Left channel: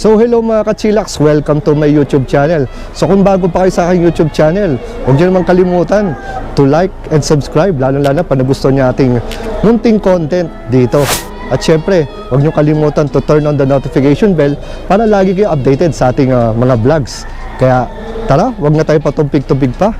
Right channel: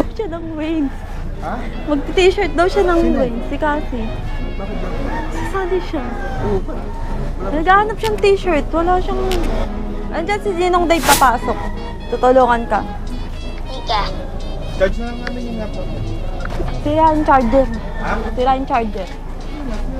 So hello mga ka-chillax, welcome to my YouTube channel. So kung bago pa kayo sa aking YouTube channel, huwag niyo naman kalimutan to like and subscribe, lalo-lalo pa na gusto niyo ating munting content dito. At syempre, huwag niyo kalimutan to turn on the notification bell para lagi kayo updated sa ating mga vlogs. Kaya tara, huwag na tayo patumpig-tumpig pa.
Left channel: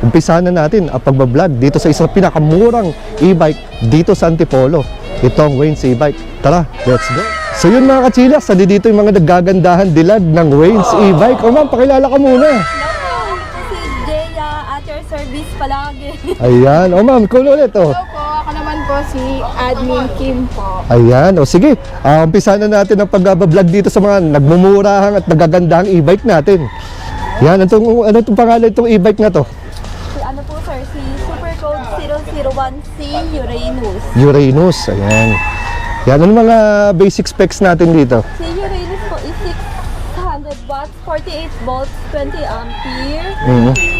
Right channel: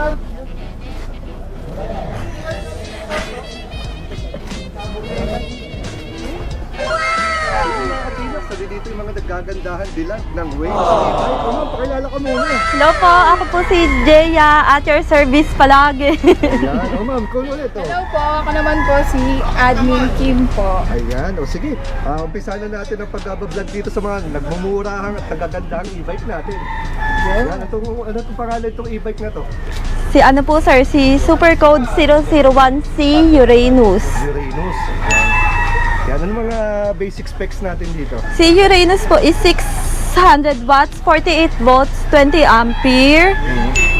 Umpisahan na natin ang pagbablog dito sa isang pinakamurang e-bike dito sa Antipolo. Itong Wayne's e-bike. Tara, let's go! So yun mga ka-chillax, dito yung mga nagagandahan dilag ng Wayne's e-bike. O ma'am, pakilala ka muna. Hello po, ako po si Jeya at your service palagi. Ayan, o ma'am, kung ulit o. Hello po, ako naman po si Admin Kim po. Ayan, o sige, umpisahan na natin ang pagbablog dito sa mga nagmumurahang at nagagandahang e-bike natin. Yan, ano itong pangalan itong e-bike na to? Si ano po sir, si Supercode 001C Uranus. Uranus, ayan. Yan, ano mga basic specs natin dito? Si Uranus po is 600 watts, 48 volts, 20 ampere.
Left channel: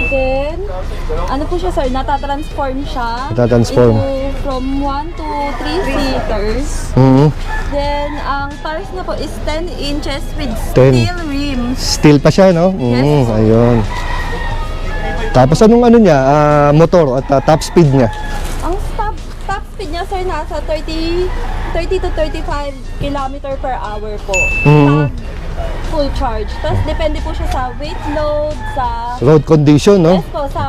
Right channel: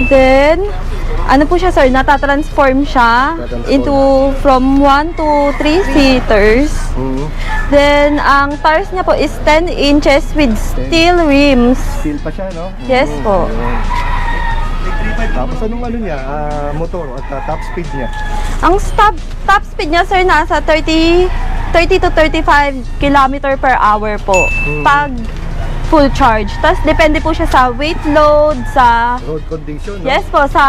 Then, ano po siya sir, natatransform siya into from 1 to 3 seaters. Then, ang tires niya po is 10 inches with steel rims. Steel pa siya, no? Yes po. Ayun. Tapos anong ano niya, motor at top speed niya? Ang top speed niya sir nasa 30 to 35 km per hour po. Pag full charge. Tapos depende po siya sa weight load, sa road condition, no? yes po, sa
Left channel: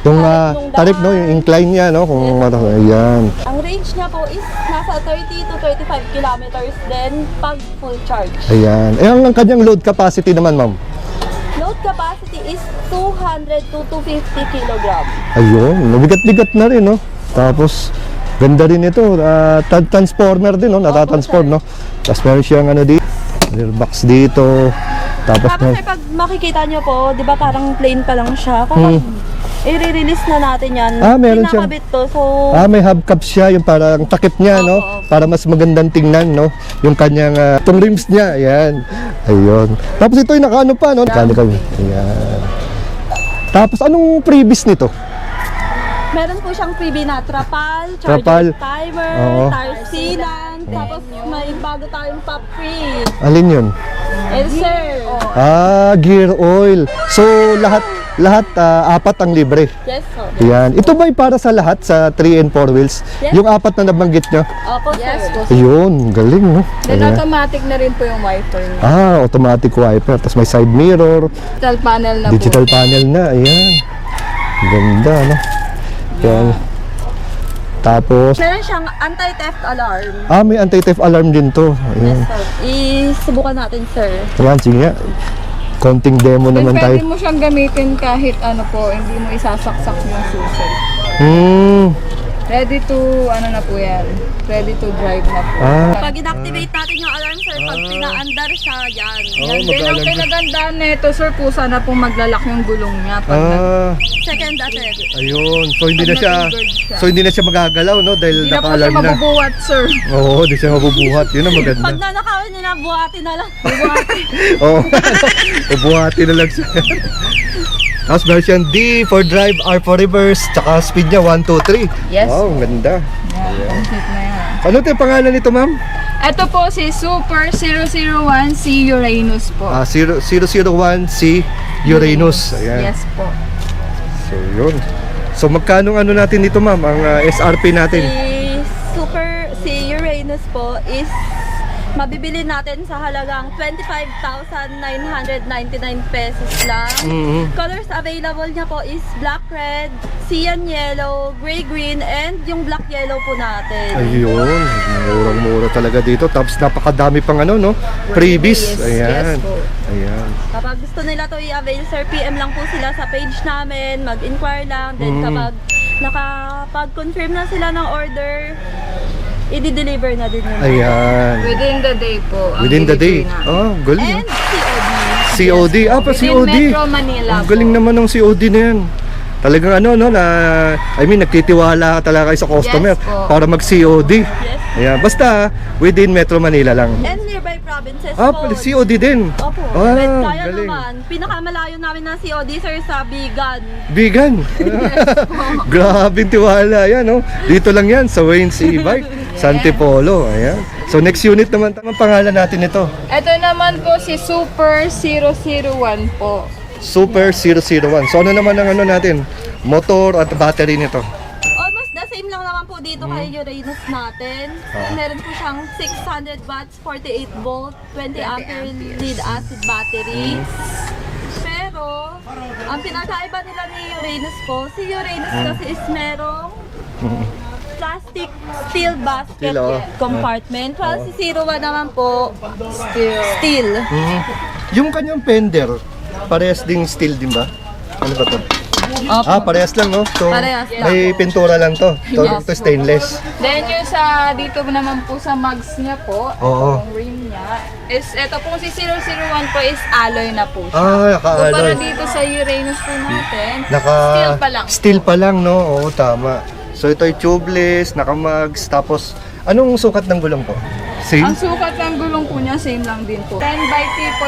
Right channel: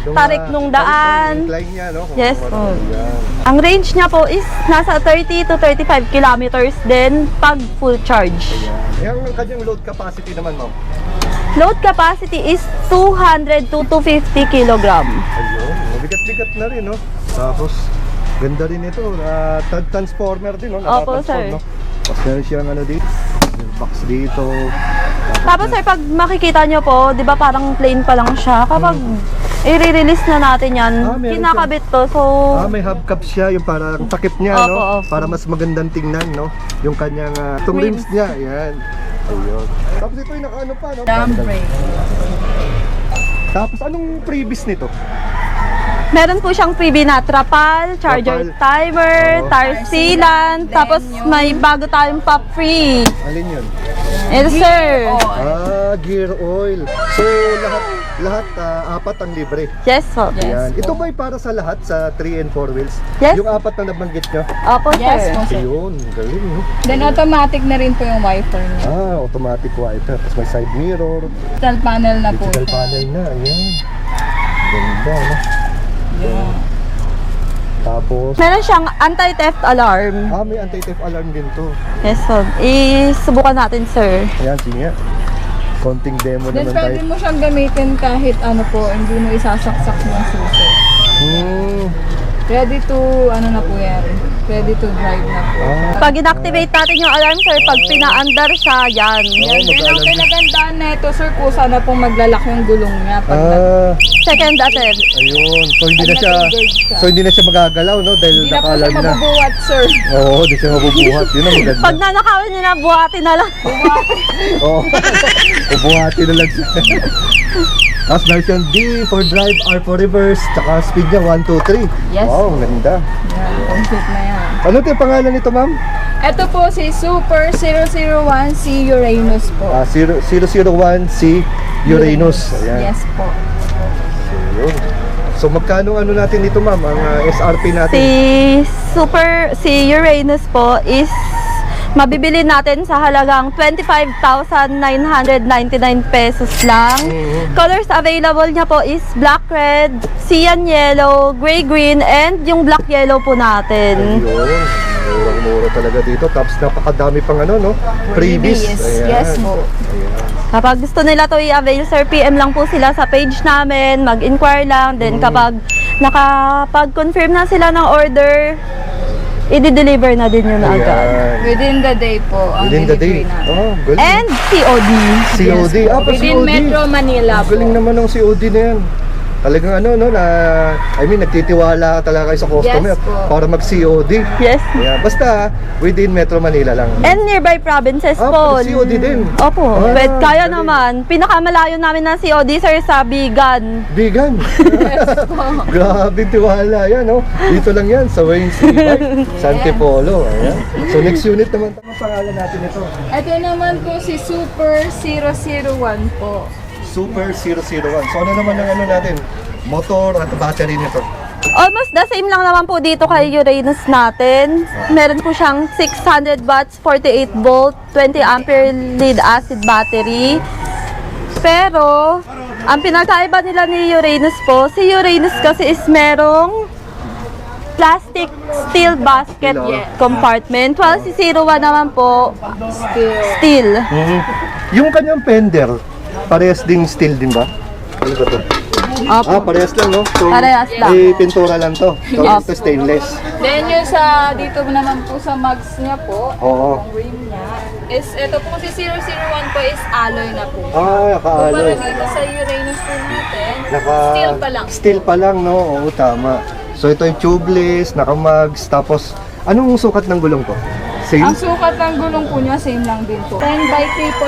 tarik ng daan. Tarik, no? Yung incline niya, no? Kung Yes po. Ayan. Ang range niya po is nasa 30 to 35 kilometers din pag full charge. Ayan. Ang kanyang load capacity naman, ma'am? Load capacity is 200 to 250 kilogram. Ayun, nabigat-bigat na rin, no? Tapos, ganda rin ito, transformer din, no? Natatransform, no? Tapos meron siyang ano dito, rear box dito. Tapos sir, pag makikita nyo po, di ba parang plain pa lang siya. Kapag i-release na natin yan, meron kinakabit to. So, may hubcap siya, yung parang takip niya, no? Opo. Para mas magandang tingnan, no? Yung kanyang, itong rims niya, ayan. Ayun. Tapos ito yung nakaano pa, no? Ayan. Tapos anong previous nito? meron po siyang freebie na trapal, charger timer, tire sealant, tapos may bago tayong pop free. Alin yun? Yes sir. Gear oil. So lahat apat ang libre. Yes po. Yan. Ito ba'y para sa lahat sa 3 and 4 wheels? Yes. Yung apat na nabanggit nyo? Opo Yes sir. po. Ayun, galing, no? Then Ayan. automatic na rin po yung wiper niya. Automatic wiper. Tapos may side mirror. Digital panel na Digital po. panel na. Ayan. Ganda, no? Yan. Tapos, Meron siyang anti-theft alarm. may anti-theft alarm din to. Ayan. Yes po. Isubukan natin sir. Ayan, sige nga. Konting demo Then naman pwede tayo. mo siyang gamitin kahit ano po, hindi mo isasaksak yung susi. Ready to, ano na po yan, ready to drive na po. Pag inactivate natin yung alarm sir, pag pina-under siya, yan. Yan din ang pinagandaan nito sir, kusa na pong maglalak yung gulong niya pag Second attempt. Ayun. So hindi na siya magagalaw, no? Dahil hindi na po siya naka-alarm na. mabubuhat sir. Oo, hindi siya mabubuhat. Yun ang maganda. Pag nanakawin nyo na, buhatin na lang. Oo. Mabuhati na lang siya. Tapos meron siyang D for drive, R for reverse, tsaka speed niya 1, 2, 3. Yes. Wow, ang ganda. Yan, complete na yan. Ano ito yung pangalan nito, ma'am? Ito po si Super 001C Uranus po. 001C Uranus. Ayan. Yes po. Yun. So magkano ano natin dito, ma'am? Ang SRP natin? Si Uranus po is mabibili natin sa halagang 25,999 pesos lang. Colors available niya po is black red, cyan yellow, gray green, and yung black yellow po natin. Ayun. Mura talaga dito. Tapos napakadami pang ano, no? Freebies. Ayan. Yes po. Ayan. Kapag gusto nila to i-avail sir, PM lang po sila sa page namin, mag-inquire lang. Then kapag nakapag-confirm na sila ng order, i-deliver na din yung item. Ayan. Within the day po. Ang Within the day. delivery namin. Oh, galing. And COD. COD. Within COD. Metro Manila po. Galing naman ng COD na yan. Talagang ano, no, nagtitiwala ka talaga kayo sa customer Yes po. para mag-COD. Yes. Yeah, basta within Metro Manila lang. And nearby provinces po. COD din. Opo. Ah, But kaya galing. naman, pinakamalayo namin na COD, sir, sa Bigan. Vegan. Grabe tiwala yan, no? Dito lang yan sa Wayne E-Bike, Antipolo. Ayan. So next unit naman, tamang pangalan natin ito. Ito naman po si Super 001 po. Super 001. So ano naman ang ano natin? Motor at battery nito. Almost the same lang naman po dito kay Uranus natin. Meron po siyang 600 watts, 48 volt, 20 ampere lead acid battery. Pero, ang pinagkaiba nila ni Uranus po, si Uranus kasi is merong plastic steel basket compartment. While si 01 naman po, steel. Yung kanyang fender, parehas din steel din ba? Ano ba to? Opo. Parehas lang, no? So, Parehas lang. may pintura lang to. So, ito stainless. Then yung sa dito naman po sa mugs niya po, Oo. rim niya, is ito po si 001 po is alloy na po. Ah, Para naka-alloy. dito sa Uranus po natin, Naka steel pa lang. Steel pa lang, no? Oo, tama. So ito ay tubeless, naka-mugs, tapos anong sukat ng gulong ko? Same? Ang sukat ng gulong po niya, same lang din po. 10 by 3.0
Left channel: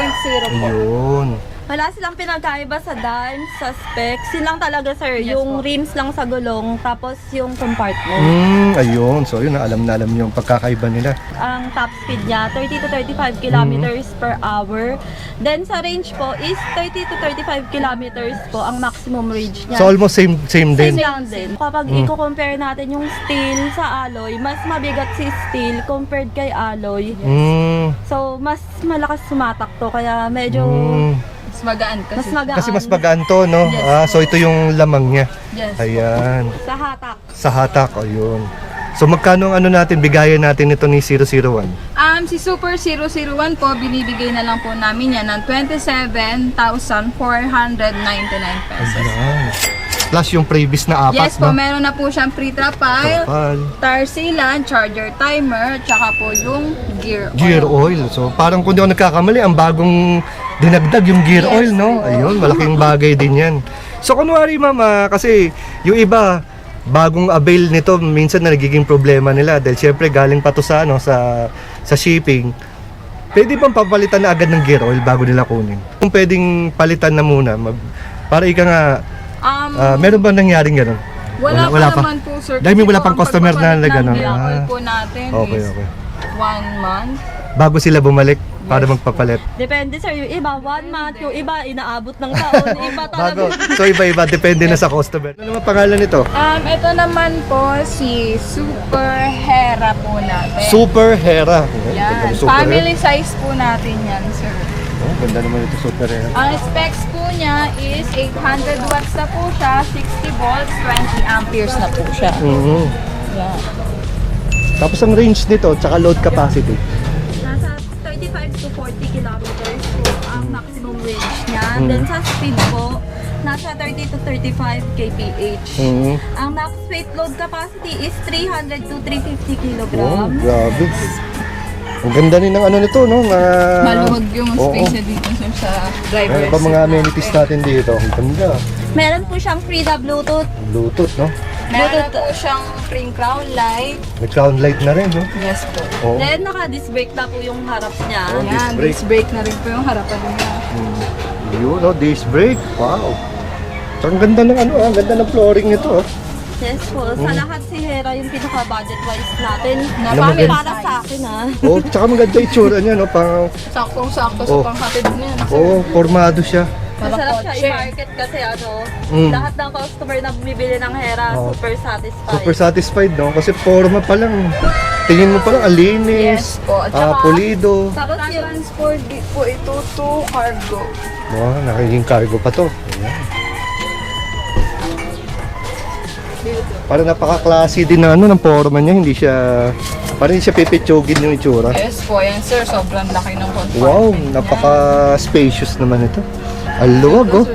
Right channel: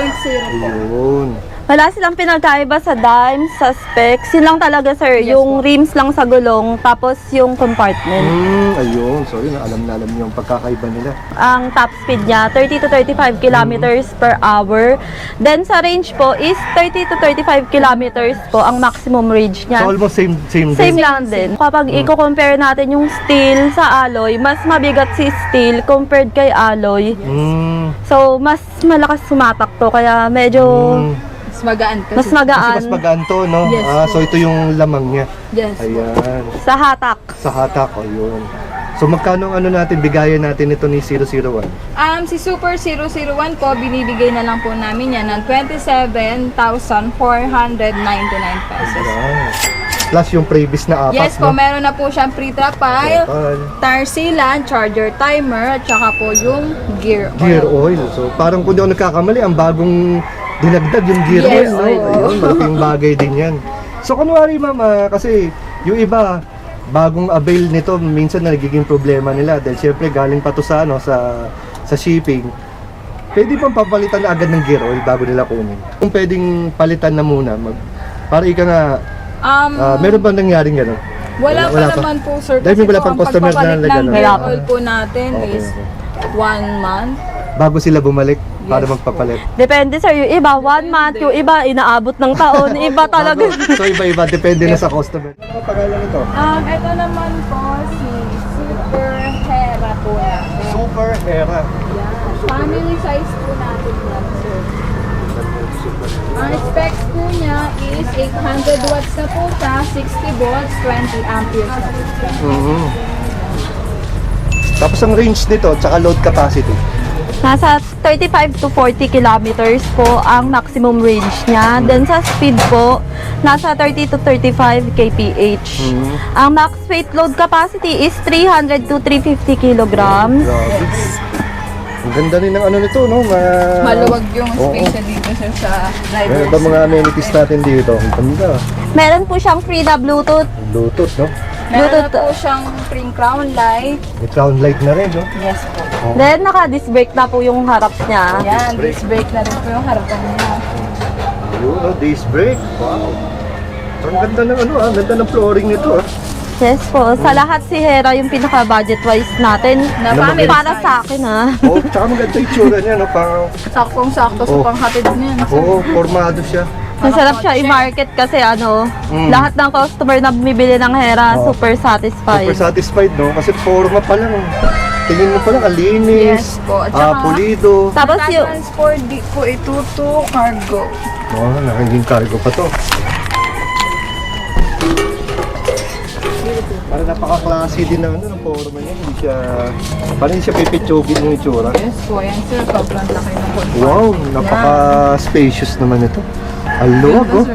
po. Yun. Wala silang pinagkaiba sa dime, sa specs. Yun lang talaga, sir. Yes yung po. rims lang sa gulong, tapos yung compartment. Ayun. So yun, alam na alam niyo yung pagkakaiba nila. Ang top speed niya, 30 to 35 kilometers per hour. Then sa range po is 30 to 35 kilometers po ang maximum range niya. So almost same Same din. lang din. Kapag i-compare natin yung steel sa alloy, mas mabigat si steel compared kay alloy. So, mas malakas sumatak to, kaya medyo Mas magaan kasi. mas magaan Kasi mas magaan to, no? Yes, So ito yung lamang niya. Yes po. Ayan. sa hatak. Sa hatak, ayun. So magkano ang ano natin, bigayan natin ito ni 001? Si Super 001 po, binibigay na lang po namin yan ng 27,499 pesos. Ayan. Plus yung previous na apat, Yes po, meron na po siyang pre-trapal, tire sealant, charger timer, at saka po yung gear oil. Gear oil. So parang kung di ako nagkakamali, ang bagong dinagdag yung gear Yes, oil, no? oo. Ayun, malaking bagay din yan. So kunwari mama, kasi yung iba, bagong avail nito, minsan na nagiging problema nila dahil syempre galing pa to sa, ano, sa shipping. Pwede pang papalitan na agad ng gear oil bago nila kunin. Kung pwedeng palitan na muna, para ika nga, meron ba nangyaring gano'n? Wala Wala pa pa. naman po, sir. Dahil may Kasi wala po, pang ang customer na pagpapalit nagano. ng gear Ah. oil po natin Okay, is okay. 1 month. Bago sila bumalik para magpapalit. Depende, sir. Yung iba, 1 month. Yung iba, inaabot ng taon. Yung iba talaga. So iba-iba, depende na sa customer. Ano naman pangalan nito? Ito naman po si Super Hera po natin. Super Hera. Yan. Super Family size po natin yan, sir. Ganda naman ito, Super Hera. Ang specs po niya is 800 watts na po siya, 60 volts, 20 amperes na po siya. Mhm. Yan. Tapos ang range nito, tsaka load capacity. Nasa 35 to 40 kilometers po ang maximum range niya. Then sa speed po, nasa 30 to 35 kph. Ang max weight load capacity is 300 to 350 kilograms. Grabe. Ang ganda rin ng ano nito, no? Maluwag yung space na dito sir, sa driver. Ano ba mga amenities natin dito? Ang ganda. Meron po siyang free na Bluetooth. Bluetooth, no? Meron na po siyang spring crown light. May crown light na rin, no? Yes po. Then naka-disc brake na po yung harap niya. Yan, disc brake na rin po yung harapan niya. Yun, no? Disc brake. Wow. So, ang ganda ng ano, ang ganda ng flooring nito, ah. Yes po. Sa lahat si Hera yung pinaka-budget wise natin. Na Yung family maganda. para sa akin, ha. Oh, tsaka maganda yung tsura niya, no? Parang, Saktong-sakto sa panghatid niya. oh, formado siya. Masarap siya i-market kasi lahat ng customer na bumibili ng Hera, Oo. super satisfied. Super satisfied, no? Kasi forma pa lang. Tingin mo pa lang, ang linis. Yes po. At saka, Pulido. Tapos yung, transport di po ito to cargo. Oh, nagiging cargo pa to. Parang napaka-classy din ng ng forma niya, hindi siya parang hindi siya pipitsokin yung itsura. Yes po, yan sir. Sobrang laki ng compartment. Wow, napaka-spacious naman ito. Ang luwag, oh.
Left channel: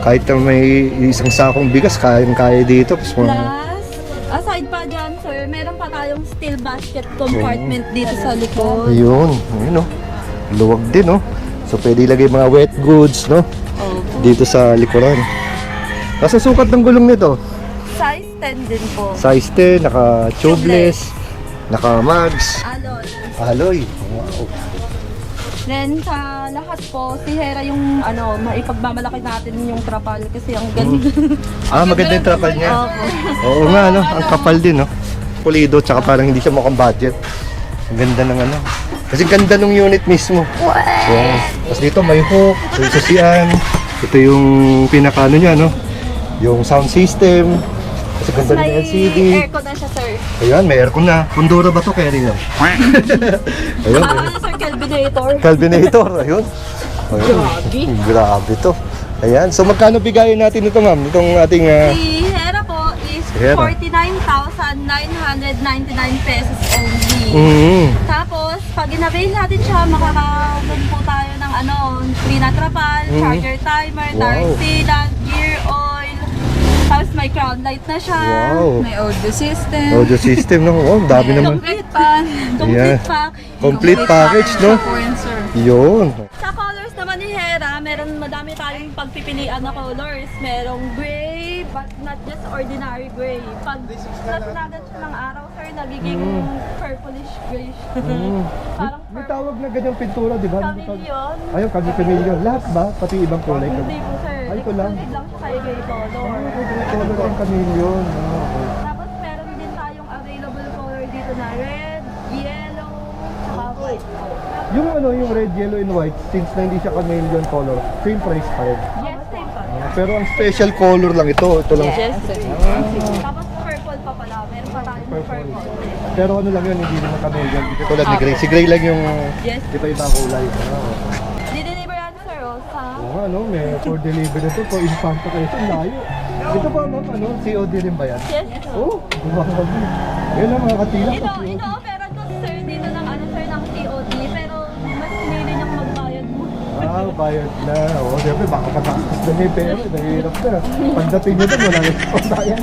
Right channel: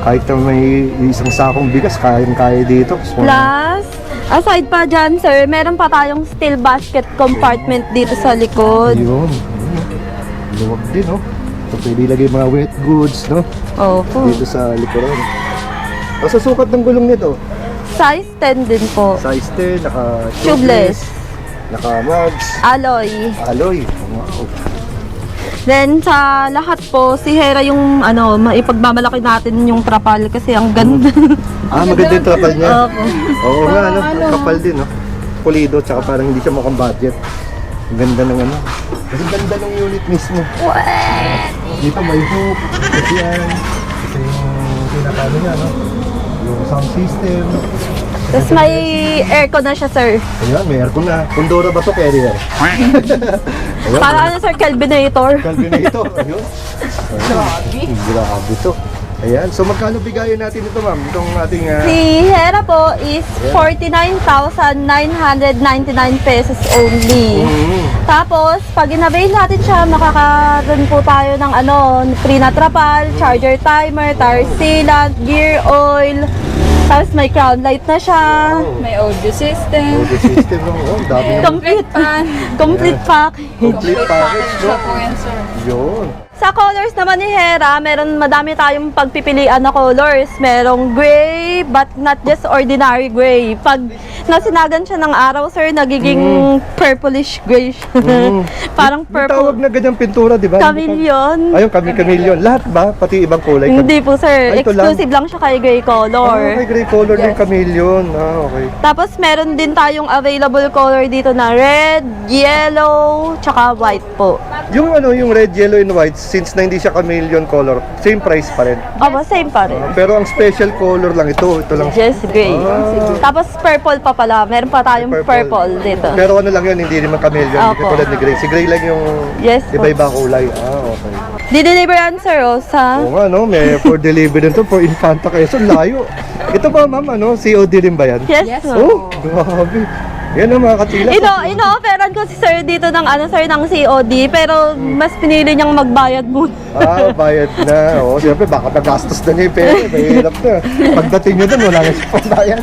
Kahit na may isang sakong bigas, kaya dito. plus, aside pa dyan, sir, meron pa tayong steel basket compartment dito sa likod. Ayun, ayun, oh. Luwag din, oh. So, pwede ilagay mga wet goods, no? Opo. Dito sa likuran. Nasa sukat ng gulong nito? Size 10 din po. Size 10, naka-tubeless, naka-mags, Alloy. alloy. Then sa lahat po, si Hera yung ipagmamalaki natin yung trapal kasi ang ganda. Maganda yung trapal niya. Opo. Oo nga, ano, ang kapal din, no? Pulido, tsaka parang hindi siya mukhang budget. Ang ganda ng ano. Kasi ganda ng unit mismo. Yes. Tapos dito may hook, may sasiyan. Ito yung pinaka niya, no? Yung sound system. Tapos may aircon na siya, sir. Ayan, may aircon na. Kundura ba to, carrier? Ayan, Ano, sir, Kelvinator. Calvinator, ayun. Grabe to. Ayan, so magkano bigayan natin ito, ma'am? Itong ating... Si Hera po is Hera. 49,999 pesos only. Tapos, pag in-avail natin siya, makakaroon po tayo ng free na trapal, charger timer, tire sealant, gear oil, tapos may crown light na siya. Wow. May audio system. Audio system, no? Oh, dami naman. Complete pan. Complete Yeah. pack. Complete package, no? Yun. Sa colors naman ni Hera, madami tayong pagpipilian na colors. Merong gray, but not just ordinary gray. Pag nasinagan siya ng araw, sir, nagiging purplish gray siya. Parang May tawag purple. na ganyang pintura, di ba? Chameleon. Ayun, chameleon. Lahat ba? Pati ibang kulay? Hindi po, sir. Ay, ito lang. Exclusive lang siya kay gray color. May gray color din chameleon. Okay. Tapos meron din tayong available color dito na red, yellow, tsaka white po. Yung yung red, yellow, and white, since na hindi siya chameleon color, same price pa rin. Opo, same pa rin. Pero ang special color lang ito. Ito lang. Yes, gray. Tapos purple pa pala. Meron pa tayong purple dito. Pero ano lang yun, hindi naman chameleon. Hindi Opo. katulad ni gray. Si gray lang yung Yes po. iba-iba kulay. Okay. Di-deliver yan, sir, sa... Oo nga, no? May for delivery nito for Infanta Quezon. Layo. Ito ba, ma'am, COD rin ba yan? Yes, po. Oh, grabe. Yan ang mga katila. Ino-offeran ko si sir dito ng ng COD, pero mas pinili niyang magbayad muna. Bayad na. Oo, siyempre, baka magastos na niya yung pera. Mahirap na. Pagdating niyo doon, wala na siya pambayad.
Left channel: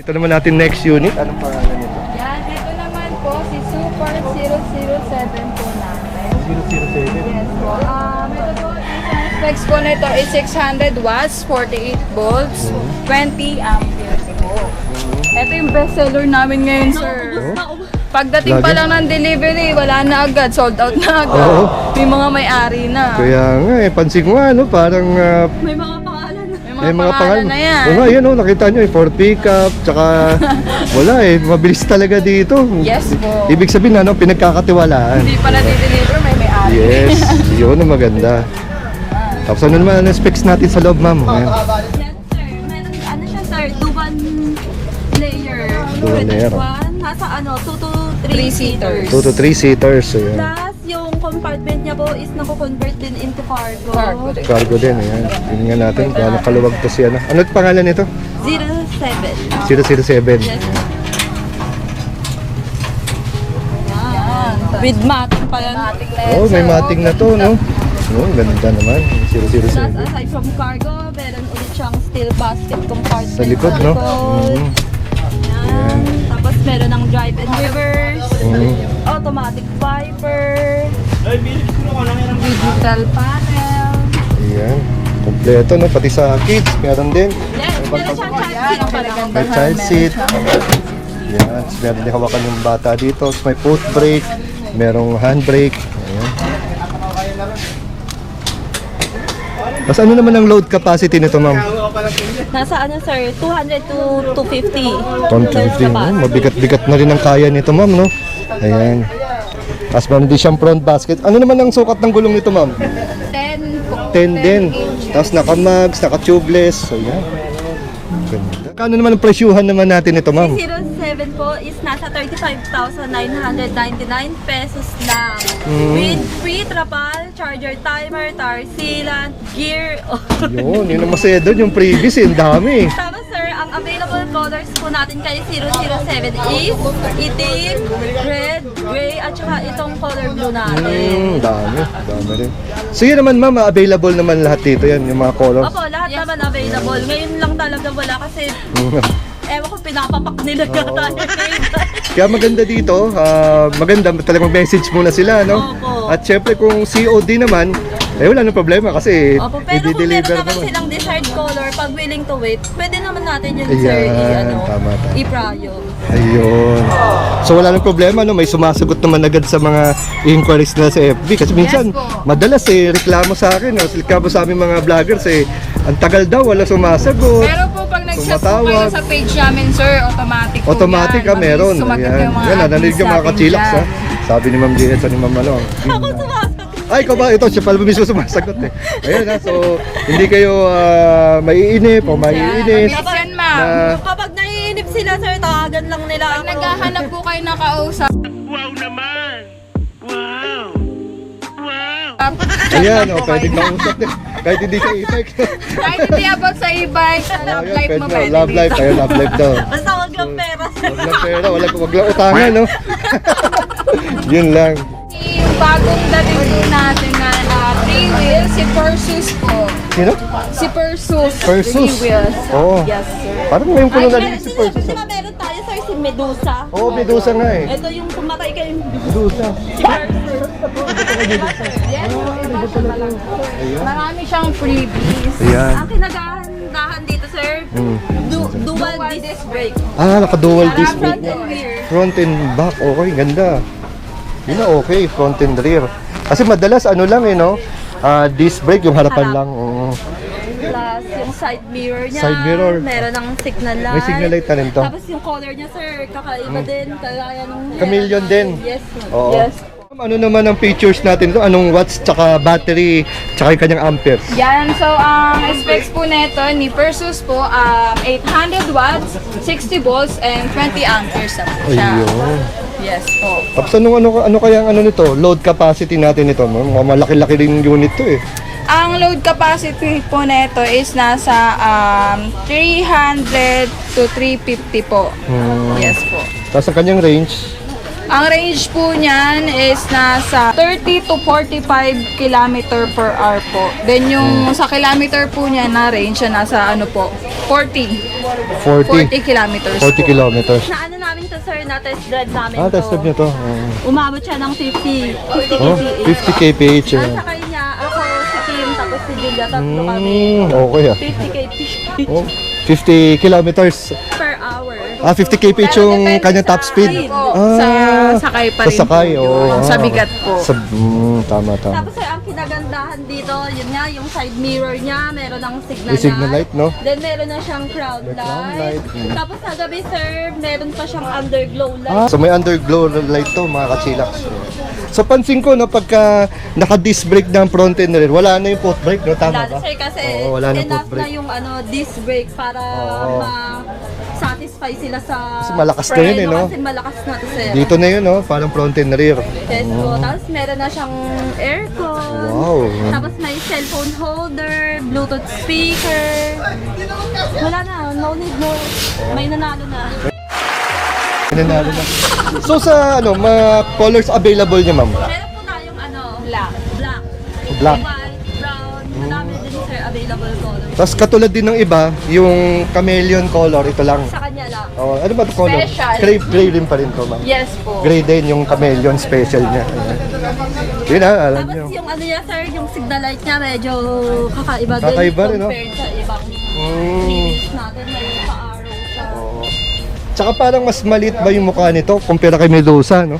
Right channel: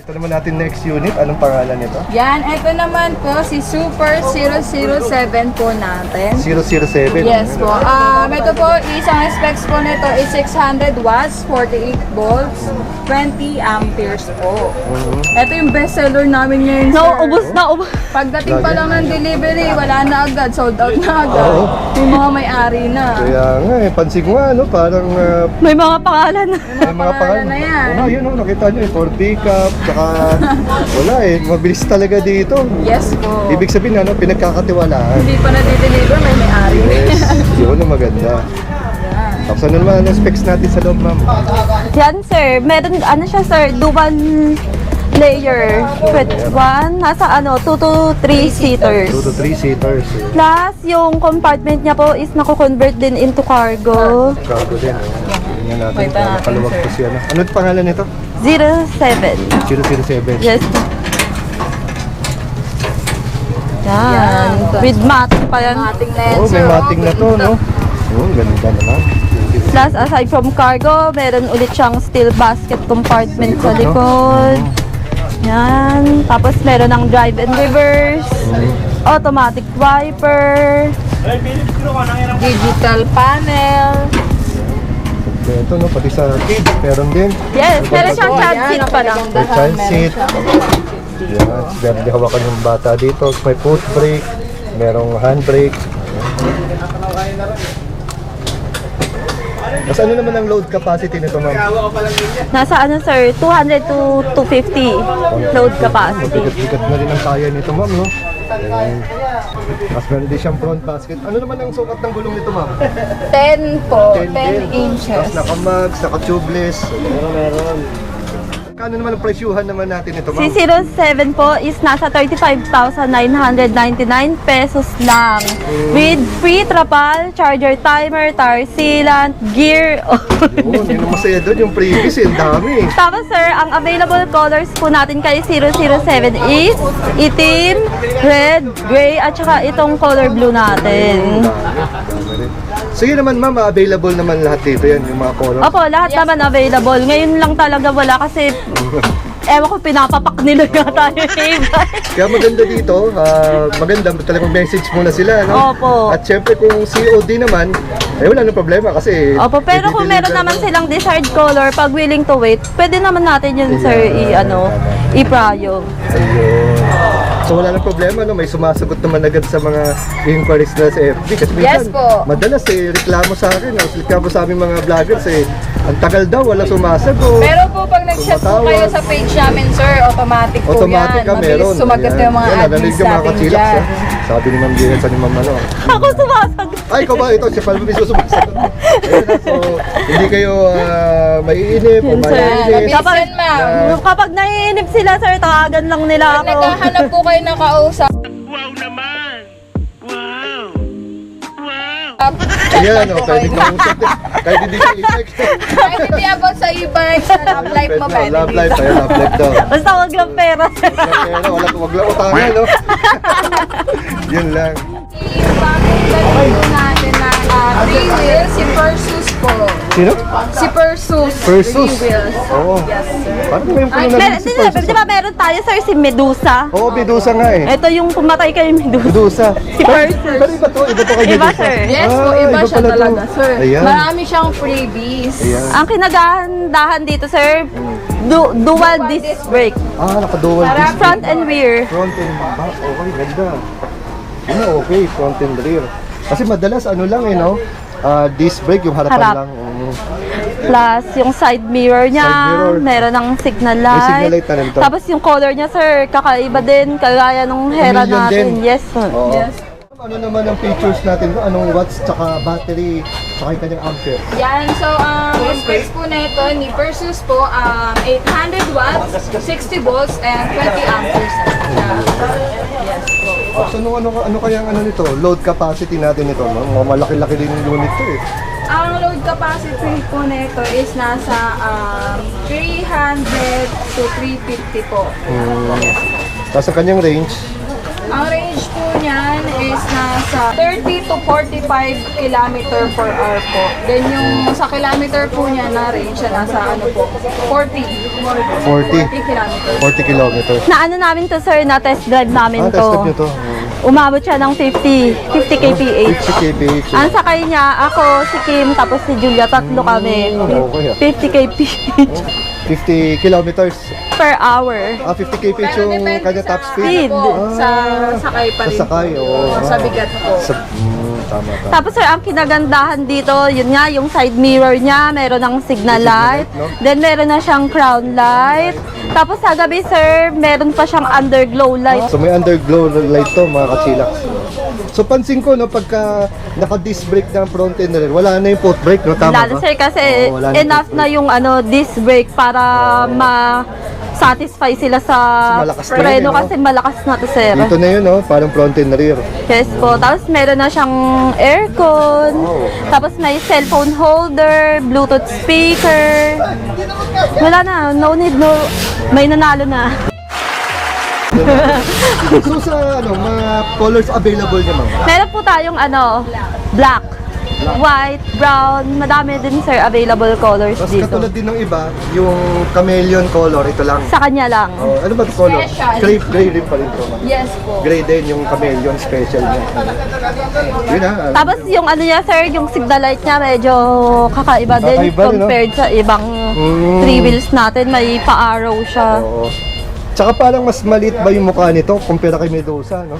Ito naman natin next unit. Anong pangalan nito? Yan, ito naman po si Super 007 po natin. 007. Yes po. Ito po, isang specs po nito is 600 watts, 48 volts, 20 amperes po. Ito yung bestseller namin ngayon, sir. Ubus. Pagdating pa lang ng delivery, wala na agad, sold out na agad. Oo. Yung mga may-ari na. Kaya nga, pansin ko nga, parang May mga pangalan na. may mga pangalan na yan. Oo nga, yun, nakita nyo, Ford pickup, tsaka wala mabilis talaga dito. Yes po. Ibig sabihin, pinagkakatiwalaan. Hindi pala di-deliver, may may-ari. Yes, yun ang maganda. Tapos ano naman ang specs natin sa loob, ma'am? Yan, sir. Meron, siya, sir, dual layer. With one, nasa 2 to 3 seaters. 2 to 3 seaters. Plus, yung compartment niya po is nako-convert din into cargo. Cargo din, ayan. Tingnan natin kung kaluwag po siya. Ano pangalan nito? 07. 007. Yes. Yan. With mating pa yan. Mating na yan, Oh, may sir. mating na to, no? Oh, ganda naman. 007. Plus, aside from cargo, meron ulit siyang steel basket compartment Sa sa likod, no? likod. Yan. Tapos, meron ng drive and reverse. Automatic wiper. Digital panel. Ayan. Kompleto, no? Pati sa kids, meron din. Yes, meron siyang child Yan, seat ang pa lang. May child seat. Yan, meron din hawakan ng bata dito. May foot brake, merong handbrake. Tapos ano naman ang load capacity nito, ma'am? Nasa sir, 200 to 250 load capacity. Mabigat-bigat na rin ang kaya nito, ma'am, no? Ayan. Tapos meron din siyang front basket. Ano naman ang sukat ng gulong nito, ma'am? 10 po. 10 din. inches. Tapos naka-mags, naka-tubeless. Ayan. Kano naman ang presyuhan naman natin ito, ma'am? Si 07 po is nasa 35,999 pesos lang. With free trapal, charger timer, tire sealant, gear. Yun ang masaya doon, yung previous, ang dami. Tapos sir, ang available colors po natin kay 007 is itim, red, gray, at saka itong color blue natin. Dami. So yun naman, ma'am, available naman lahat dito yan, yung mga colors. Opo, lahat naman available. Ngayon lang talaga wala kasi ewan ko, pinapapak nila nga tayo e-bike. Kaya maganda dito, maganda talagang message muna sila, no? Opo. At syempre kung COD naman, wala nang problema kasi Opo, pero kung meron i-deliver naman mo. silang desired color, pag willing to wait, pwede naman natin yun, sir, Tama. i-prayo. Ayun. So wala nang problema, no? May sumasagot naman agad sa mga inquiries nila sa FB. Kasi minsan, Yes po. madalas reklamo sa akin, no? Reklamo sa aming mga vloggers ang tagal daw, wala sumasagot. Pero po pag nag-chat po kayo sa page namin, sir, automatic po Automatic yan. ka meron. Mabilis sumagot Ayan. yung mga Yan, narinig admins yung mga natin kachilaks, dyan. Sabi ni Ma'am Gina sa ni Ma'am ano. Ako sumasagot. Ay, ikaw ba? Ito, siya pala mismo sumasagot. Ayun na, so hindi kayo maiinip o maiinip. Kapag, ma'am. Kapag naiinip sila, sir, tawagan lang nila Pag ako. naghahanap po kayo ng kausap, Wow naman! Wow! Wow! Ayan, no, kahit hindi kausap din. Kahit hindi kayo isip. kahit hindi about sa e-bike, sa love life mo pwede. Love life, tayo love life daw. Basta wag lang pera, sir. Wag lang utangin, no? Yun lang. Yung bagong dating po natin na 3 wheels, si Persus po. Sino? Si Persus. Persus? 3 wheels. Oo. Yes, sir. Parang mo yung kulong na si Persus. Di ba meron tayo, sir, si Medusa? Oo, Medusa nga eh. Ito yung pumatay kay Medusa. Medusa. Si Persus. Pero iba to kay Iba, Medusa. sir. Yes po, Ah, iba iba siya pala to. talaga, sir. Ayan. Marami siyang freebies. Ayan. Ang kinagahandahan dito, sir, dual disc brake. Naka-dual disc. Front and rear. Front and back, okay, ganda. Yun okay, front and rear. Kasi madalas ano lang no? Disc brake, yung harapan Harap. lang. Plus, yung side mirror niya, Side mirror. meron ng signal light. May signal light na rin to. Tapos yung color niya, sir, kakaiba din, kagaya nung Hera Chameleon natin. din. Yes, sir. Oo. Yes. Ano naman ang features natin doon? Anong watts, tsaka battery, tsaka yung kanyang amperes? Yan, so ang specs po nito ni Persus po, 800 watts, 60 volts, and 20 amperes na po siya. Yes po. Tapos ano kaya ang ano nito? Load capacity natin ito, no? Mga malaki-laki rin yung unit to eh. Ang load capacity po nito is nasa 300 to 350 po. Yes po. Tapos ang kanyang range, Ang range po niyan is nasa 30 to 45 km per hour po. Then yung sa kilometer po niya na range, nasa ano po, 40 40 kilometers. 40 kilometers. Na ano namin to, sir, na test drive namin to. Test nyo to. Umabot siya ng 50 kph. 50 kph. Ang sakay niya, ako, si Kim, tapos si Julia, tatlo kami. Okay 50 kph 50 kilometers. per hour. 50 kph yung kanyang top speed. Po, Ah, sa sakay pa sa rin sakay, po. oo. Sa bigat po. Tama. Tapos sir, ang kinagandahan dito, yun nga, yung side mirror niya, meron ng signal May signal light. light, no? Then meron na siyang crown light. Tapos sa gabi, sir, meron pa siyang underglow light. So may underglow light to mga kachilak. So pansin ko no pagka naka-disc brake ng front and rear, wala na yung foot brake no, tama Lalo ba? sir, kasi Oo, wala na enough foot na brake. yung disc brake para ma-satisfy sila sa Malakas na yun, preno no? kasi malakas na to, sir. Dito na yun no, parang front and rear. Yes po. Tapos meron na siyang aircon. Wow. Tapos may cellphone holder, Bluetooth speaker. Wala na, no need, no. May nanalo na. So sa mga colors available niya ma'am? Meron po tayong black, white, brown, madami din sir available colors Tapos dito. katulad din ng iba, yung chameleon color, ito lang. Sa kanya lang. Oh, ano pa color? Special. Gray din pa rin to ma'am. Yes po. Gray din yung chameleon special niya. Yun na, alam Tapos niyo. yung ano niya sir, yung signal light niya medyo kakaiba din Kakaiba rin, no? compared sa ibang three wheels natin. May pa-arrow siya. Oo. Tsaka parang mas maliit ba yung mukha nito kumpara kay Medusa, no?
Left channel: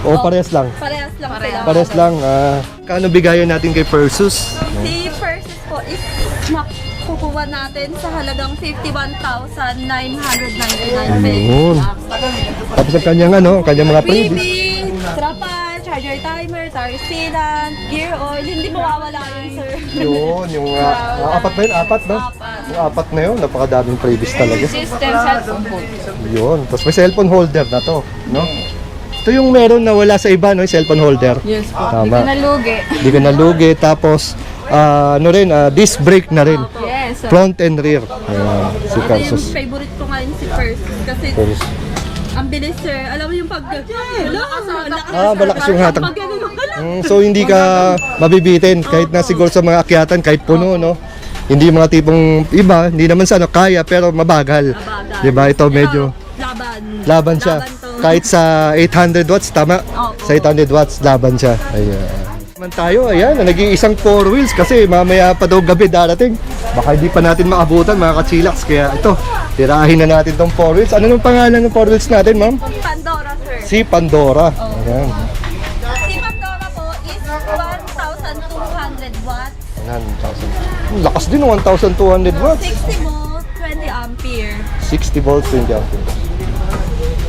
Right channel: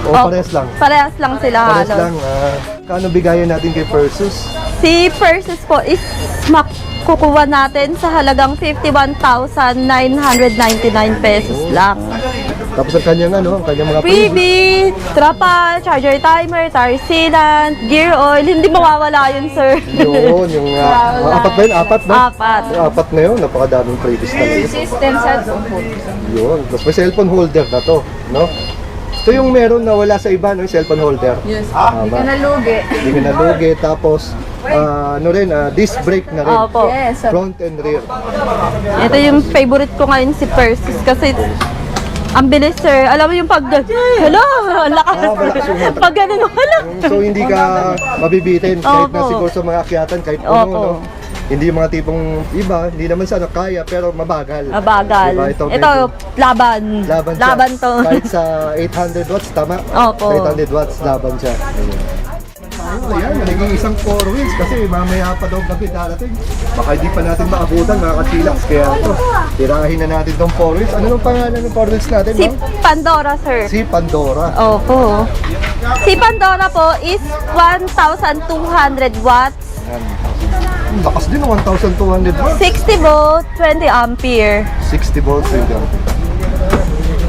O Oh, parehas lang? Parehas lang sila. Parehas halos. lang. Kano bigayan natin kay Persus? Si Persus po is makukuha natin sa halagang 51,999 pesos Ayun. lang. Tapos ang kanyang ang kanyang mga Freebie, trapal, charger timer, tire sealant, gear oil, hindi mawawala yun, sir. Yun, yung apat na yun, apat na? Apat. Yung apat na yun, napakadaming freebies talaga. System set po. Yun, tapos may cellphone holder na to, no? Ito yung meron na wala sa iba, no? Yung cellphone holder. Yes po. Hindi Tama. ka nalugi. Hindi ka nalugi, tapos disc brake na rin. Opo. Yes. sir. Front and rear. Ito yung favorite ko ngayon si Persus kasi ang bilis, sir. Alam mo yung pag... Hello! Ang lakas. Malakas yung hatak. Pag ganun, wala. So hindi ka mabibitin kahit na Opo. siguro sa mga akyatan, kahit puno, Opo. no? Hindi yung mga tipong iba, hindi naman sana kaya pero mabagal. Mabagal. Diba? Ito medyo laban siya. Laban to. Kahit sa 800 watts, tama? Opo. Sa 800 watts, laban siya. Ayan. Naman tayo, ayan, nag-iisang 4 wheels kasi mamaya pa daw gabi darating. Baka hindi pa natin maabutan mga kachilaks. Kaya ito, tirahin na natin tong 4 wheels. Ano nung pangalan ng 4 wheels natin, Si ma'am? Pandora, sir. Si Pandora. Opo. Si Pandora po is 1,200 watts, Ang lakas din, 1,200 watts. 60 volt, 20 ampere. 60 volts din.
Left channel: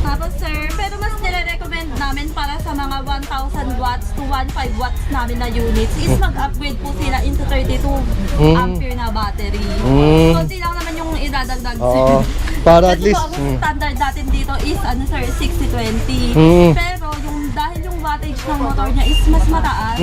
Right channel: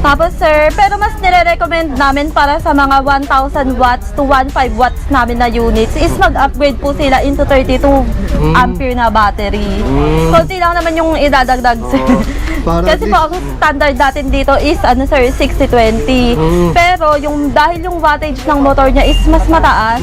Tapos sir, pero mas nire-recommend namin para sa mga 1,000 watts to 1,500 watts namin na units is mag-upgrade po sila into 32 ampere na battery. Konti lang naman yung idadagdag sir. Para Kasi po ang standard natin dito is ano sir, 60-20. Pero dahil yung wattage ng motor niya is mas mataas,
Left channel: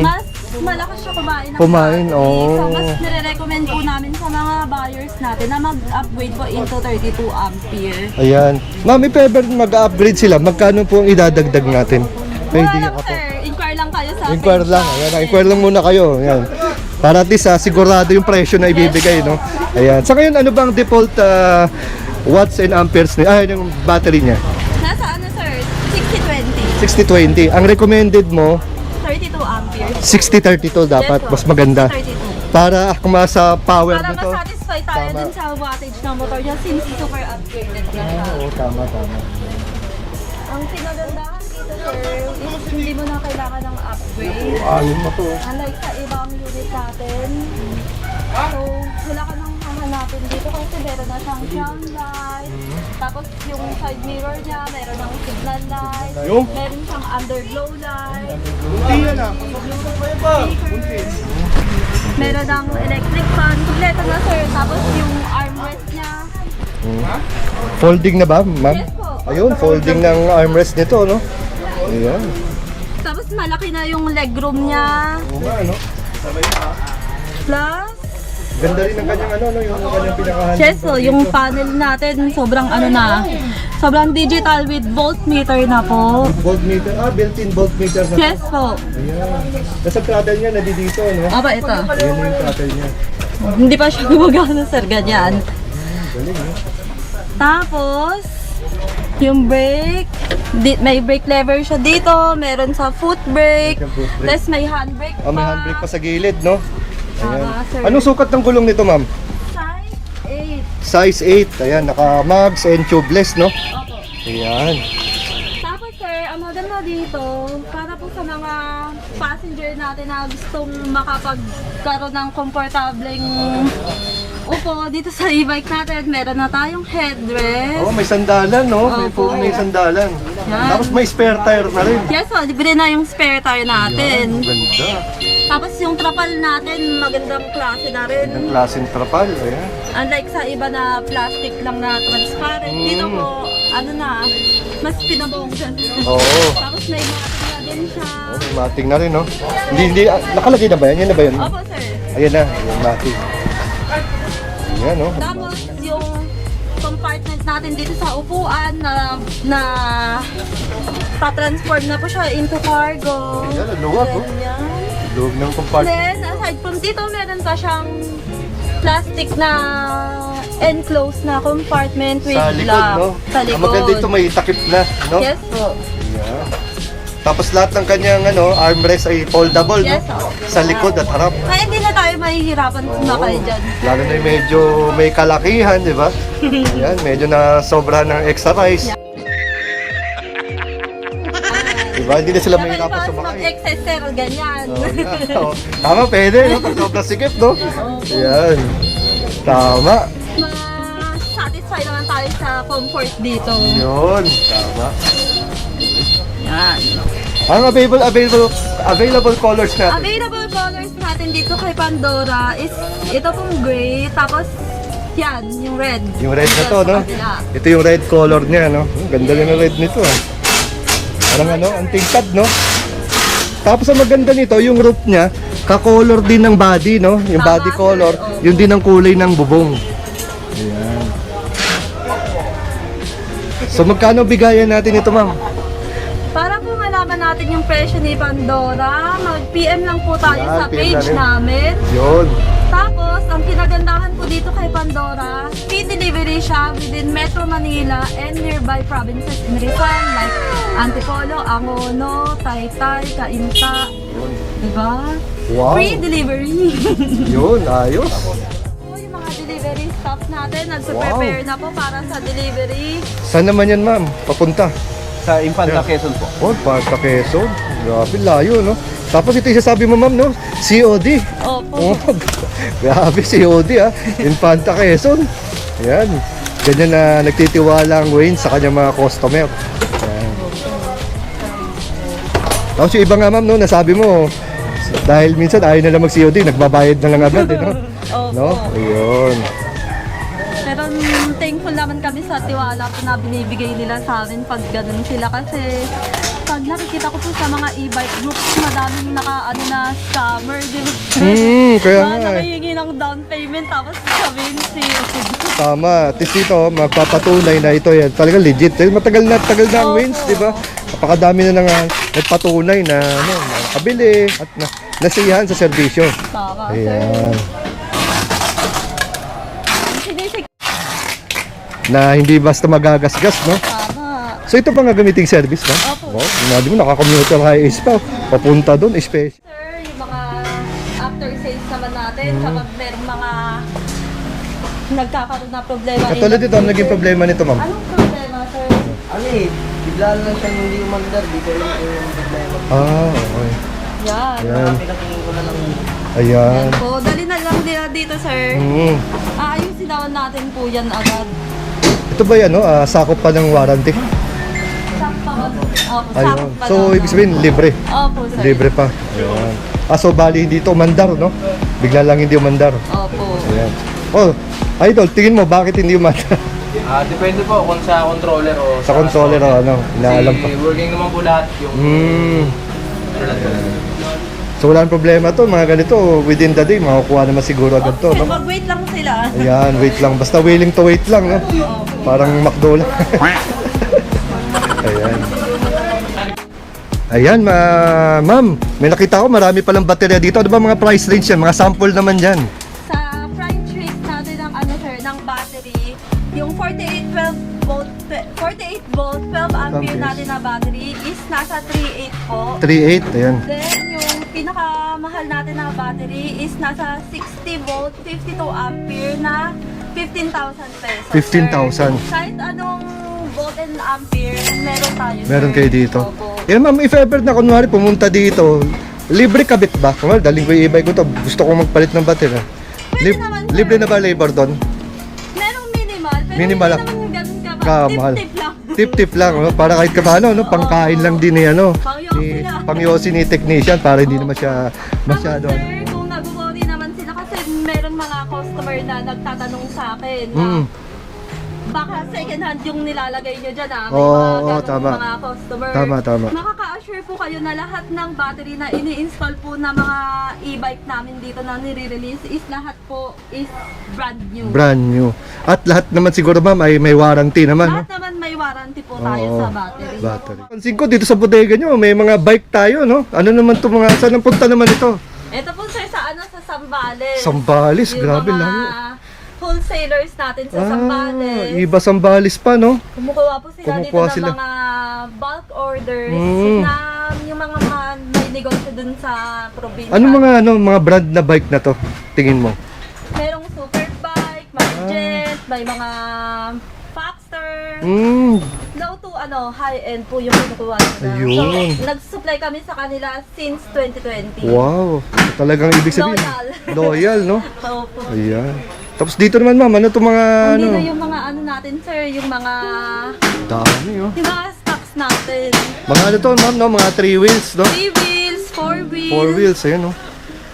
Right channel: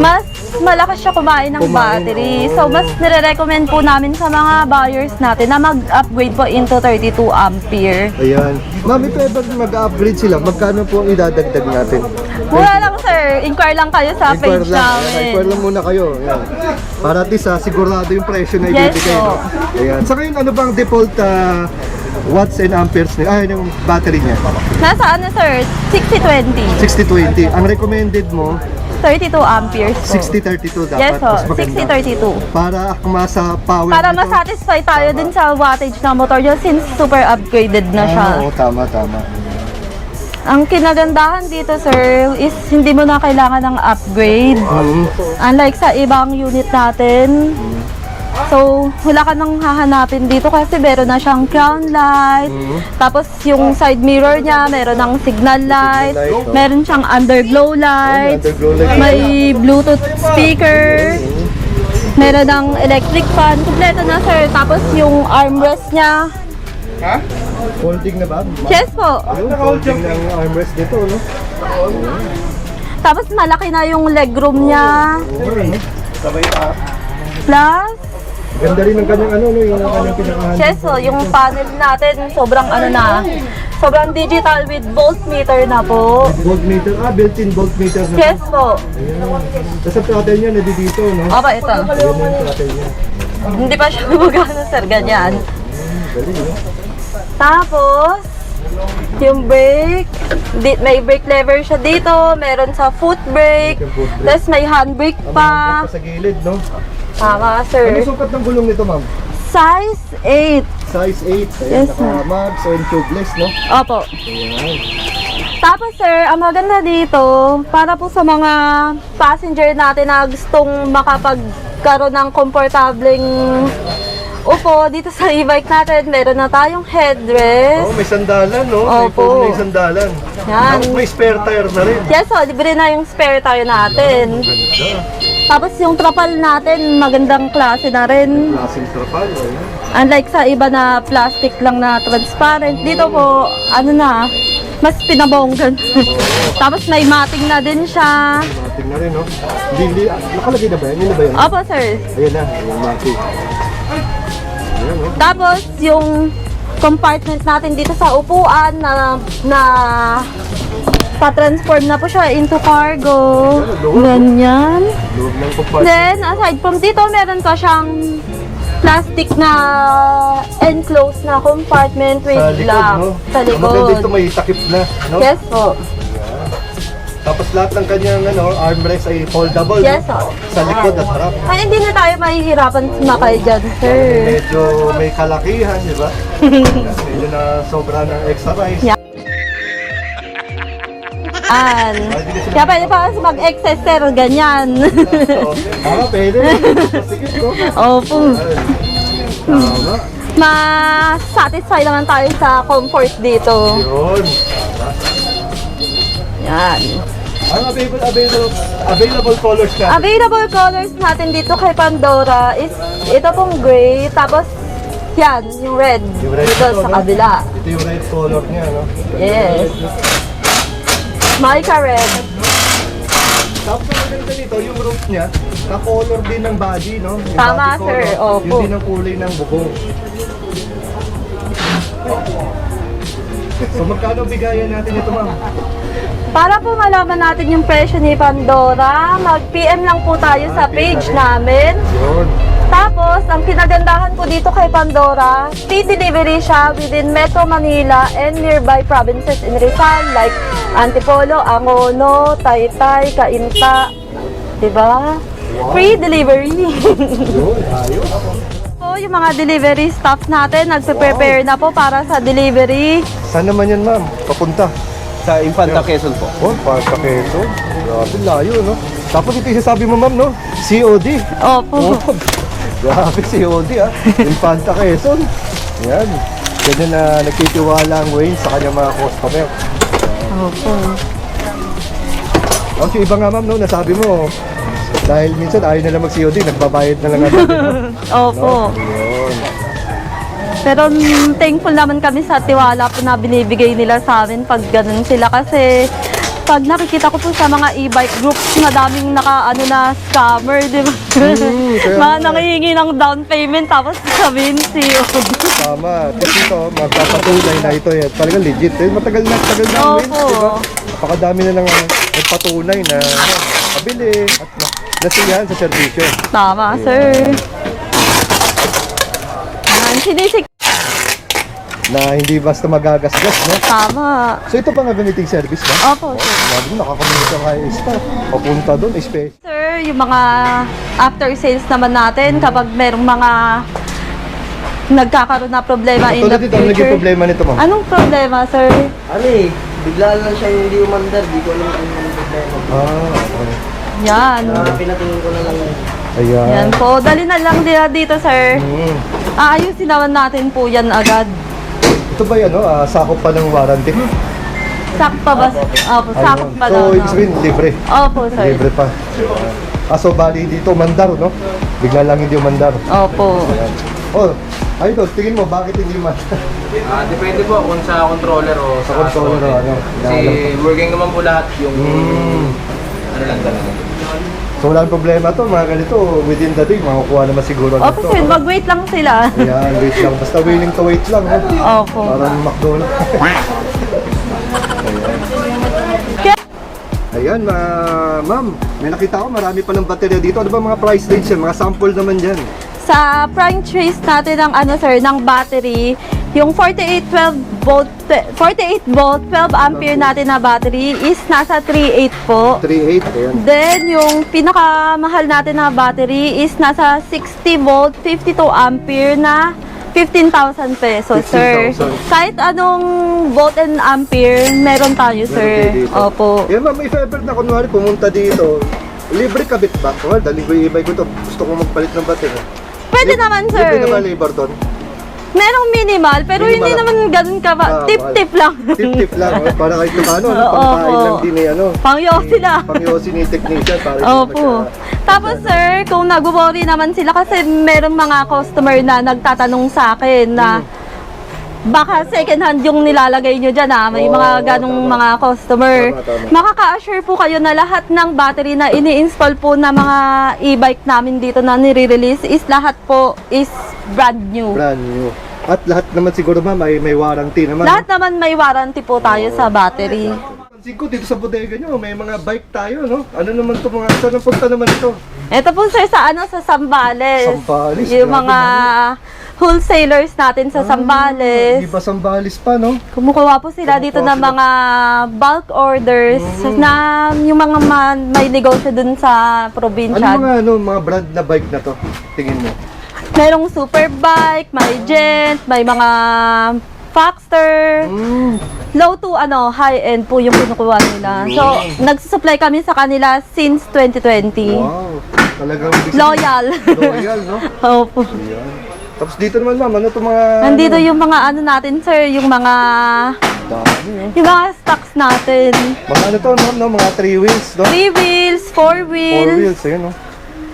mas malakas siya kumain ng battery. So mas nire-recommend po namin sa mga buyers natin na mag-upgrade po into 32 ampere. Ayan. Mami, pwede mag-upgrade sila. Magkano po ang idadagdag natin? Wala lang sir, inquire lang kayo sa Inquire page lang. namin. Ayan, inquire lang muna kayo. Ayan. Para at least sigurado yung presyo na ibibigay. Yes, No? Ayan. Sa ngayon, ano bang default watts and amperes niya? Ay, yung battery niya. Nasa ano sir, 60-20, 60-20. Ang recommended mo, 32 amperes sir. 60-32 dapat. Yes po, Mas maganda. 60-32. Para akma sa power Para nito. masatisfy tayo dun sa wattage ng motor niya since super upgraded na siya. Oo, tama. Ang kinagandahan dito sir is hindi mo na kailangan ng upgrade. Unlike sa ibang unit natin. So, wala ka nang hahanapin dito kasi meron na siyang crown light. Tapos yung side mirror niya, meron ng signal light. Meron siyang underglow light. Underglow light. May Bluetooth speaker. Meron ng electric fan. Kompleto na sir. Tapos yung armrest niya. Folding na ba? Yes po. Ayun, folding ng armrest nito, no? Ayun. Tapos malaki na yung legroom niya. Plus, Ganda rin ng kanyang yung kanyang pinakahan. yes po, yung panel natin sobrang sobrang digital with voltmeter na po. Voltmeter, built-in voltmeter na. Yes po. Basta throttle niya, dito, no? Aba, ito. Yan yung throttle niya. Hindi pa siya gumagana, sir, ganyan. Tapos, yung brake, may brake lever siya dito, meron sa foot brake, tapos may handbrake May pa. handbrake pa sa gilid, no? Tama, sir. Anong sukat ng gulong nito, ma'am? Size 8. Size 8. Ayan, Yes, naka-mags and tubeless, no? Opo. Ayan. Tapos sir, ang maganda dito, para po sa mga passenger natin na gustong makapagkaroon ng komportableng upo dito sa e-bike natin, meron na tayong headrest. Oh, may sandalan, no? Opo. May sandalan. Yan. Tapos may spare tire na rin. Yes, libre na yung spare tire natin. Tapos yung trapal natin, magandang klase na rin. Klaseng trapal, ayan. Unlike sa iba na plastic lang na transparent, dito po, mas pinabonggan. Oo. Tapos may mating na din siya. Mating na rin, no? Hindi, nakalagay na ba yan? Yan na ba yun? Opo, sir. Ayan na, mating. Ayan, no? Tapos yung compartment natin dito sa upuan na pa-transform na po siya into cargo. Ganyan. Loob ng compartment. Then, aside from dito, meron pa siyang plastic na enclosed na compartment with Sa likod, lock. no? Sa Ang maganda likod. dito may takip na, no? Yes po. Tapos lahat ng kanyang armrest ay foldable, Yes no? po. Sa likod at harap. Ay, hindi na tayo mahihirapan sumakay dyan, sir. Medyo may kalakihan, di ba? Yan, medyo na sobra ng extra rice. Yeah. Diba? Hindi na sila Kaya pwede pa kasi mag-excess, sir, ganyan. Oo. Tama, pwede. Kasikip, no? Opo. Yan. Tama. Ma-satisfy naman tayo sa comfort dito. Yun. Yan. Ang available colors natin. Available colors natin dito kay Pandora is ito pong gray, tapos yan, yung red. Yung red dito nito, sa no? kabila. Ito yung red color niya, no? Ganda Yes. yung red nito. Malta red. Tingkad, no? Tapos ang maganda nito, yung roof niya, ka-color din ng body, no? Yung Tama, body sir. color, Opo. yun din ang kulay ng bubong. So magkano bigayan natin ito, ma'am? Para po malaman natin yung presyo ni Pandora, mag-PM lang po tayo sa page namin. Yun. Tapos, ang kinagandahan po dito kay Pandora, free delivery siya within Metro Manila and nearby provinces in Rizal like Antipolo, Angono, Taytay, Cainta. Diba? Wow. Free delivery. Yun, ayos. So, yung mga delivery staff natin, nagpe-prepare na po para sa delivery. Saan naman yan, ma'am? Papunta? Sa Infanta Quezon po. Oh, para sa Quezon. Grabe, layo, no? Tapos ito yung sasabi mo, ma'am, no? COD. Opo. Grabe, COD, ha? Infanta Quezon. Ayan. Ganyan na nagtitiwala ang Wayne sa kanyang mga customer. Opo. Tapos yung iba nga, ma'am, no? Nasabi mo, dahil minsan ayaw nila mag-COD, nagbabayad na lang agad, no? Opo. No? Ayun. Pero thankful naman kami sa tiwala po na binibigay nila sa amin pag ganun sila kasi pag nakikita ko po sa mga e-bike groups na daming na scammer, di ba? Kaya Mga nga. nangihingi ng down payment tapos sabihin siyo. Tama. Tapos ito, magpapatunay na ito yan. Talagang legit. Eh, matagal na ang Opo. wins, di ba? Napakadami na nang nagpatunay na kabili at nasiyahan sa serbisyo. Tama, Ayan. sir. Ayan, sinisik. Na hindi basta magagasgas, no? Tama. So ito pa nga gamiting service, no? Opo. Sabi mo, nakakommute ang highways pa. Papunta doon, space. Sir, yung mga after sales naman natin kapag merong mga nagkakaroon na problema in Tulad the dito, ano naging future. problema nito, ma'am? Anong problema, sir? Ano eh, bigla lang siya hindi umandar. Di ko alam kung yung problema. Okay. Yan. Pinatingin ko na lang. Ayan. Yan po. Dali na lang nila dito, sir. Aayusin naman natin po yan agad. Ito ba yan, no? Sakop pa ng warranty? Sak pa ba? Opo, sakop pa So, daw. ibig sabihin, libre. Opo, sir. Libre pa. So bali dito umandar, no? Bigla lang hindi umandar. Opo. Ayan. Oh, idol, tingin mo bakit hindi umandar? Depende po kung sa controller o Sa controller o ano? Inaalam pa. Kasi working naman po lahat yung ano lang talaga. So wala nang problema to, mga ganito, within the day, makukuha naman siguro Opo, nito. sir. Mag-wait lang sila. Ayan, wait lang. Basta willing to wait lang, no? Opo. Parang McDo lang. Ayan. Ayan, ma'am, may nakita ko marami palang baterya dito. Ano ba mga price range yan? Mga sample naman yan. Sa prime trace natin ng sir, ng battery, yung 48 volt 12 ampere natin na battery is nasa 3.8 po. 3.8, ayan. Then, yung pinakamahal natin na battery is nasa 60 volt, 52 ampere na 15,000 pesos, sir. 15,000. Kahit anong volt and ampere, meron tayo, sir. Meron kayo dito. Opo. Eh ma'am, if ever na kunwari pumunta dito, libre kabit ba? Kunwari, daling ko yung e-bike ko to, gusto kong magpalit ng battery. Pwede naman, sir. Libre na ba labor doon? Merong minimal, pero Minimal. hindi naman ganun ka ba? Ah, Tip-tip lang. Tip-tip lang, no? Para kahit kapaano, no? Oo, Pangkain opo. lang din eh, ano? Pangyosi lang. Pangyosi ni technician para hindi naman siya... Tapos masyado- sir, kung nag-worry naman sila kasi merong mga customer na nagtatanong sa akin na baka second hand yung nilalagay nyo dyan may Oo, mga oo, ganong tama. mga customer. Tama. Makaka-assure po kayo na lahat ng battery na ini-install po na mga e-bike namin dito na nire-release is lahat po is brand new. Brand new. At lahat naman siguro ma'am ay may warranty naman. Lahat naman may warranty po tayo sa battery. Pansin ko dito sa bodega nyo, may mga bike tayo, no? Ano naman to mga, saan ang punta naman ito? Ito po sir sa sa Sambales. Sambales, Yung grabe mga naman. wholesalers natin sa Sambales. Iba Sambales pa, no? Kumukuha po sila dito Kumukuha ng sila. mga bulk orders na yung mga may negosyo dun sa probinsya. Ano mga brand na bike na to? Tingin mo? Merong Superbike, may Gent, may mga Foxter. Low to high-end po yung kinukuha nila. So, nagsusupply kami sa kanila since 2020. Wow. Talagang ibig sabihin. Loyal. Loyal, no? Opo. Ayan. Tapos dito naman ma'am, ano itong mga... Nandito yung mga natin, sir, yung mga Dami, oh. yung mga stocks natin. Mga ano to, ma'am, no? Mga 3 wheels, no? 3 wheels, 4 4 wheels. wheels, ayan, no?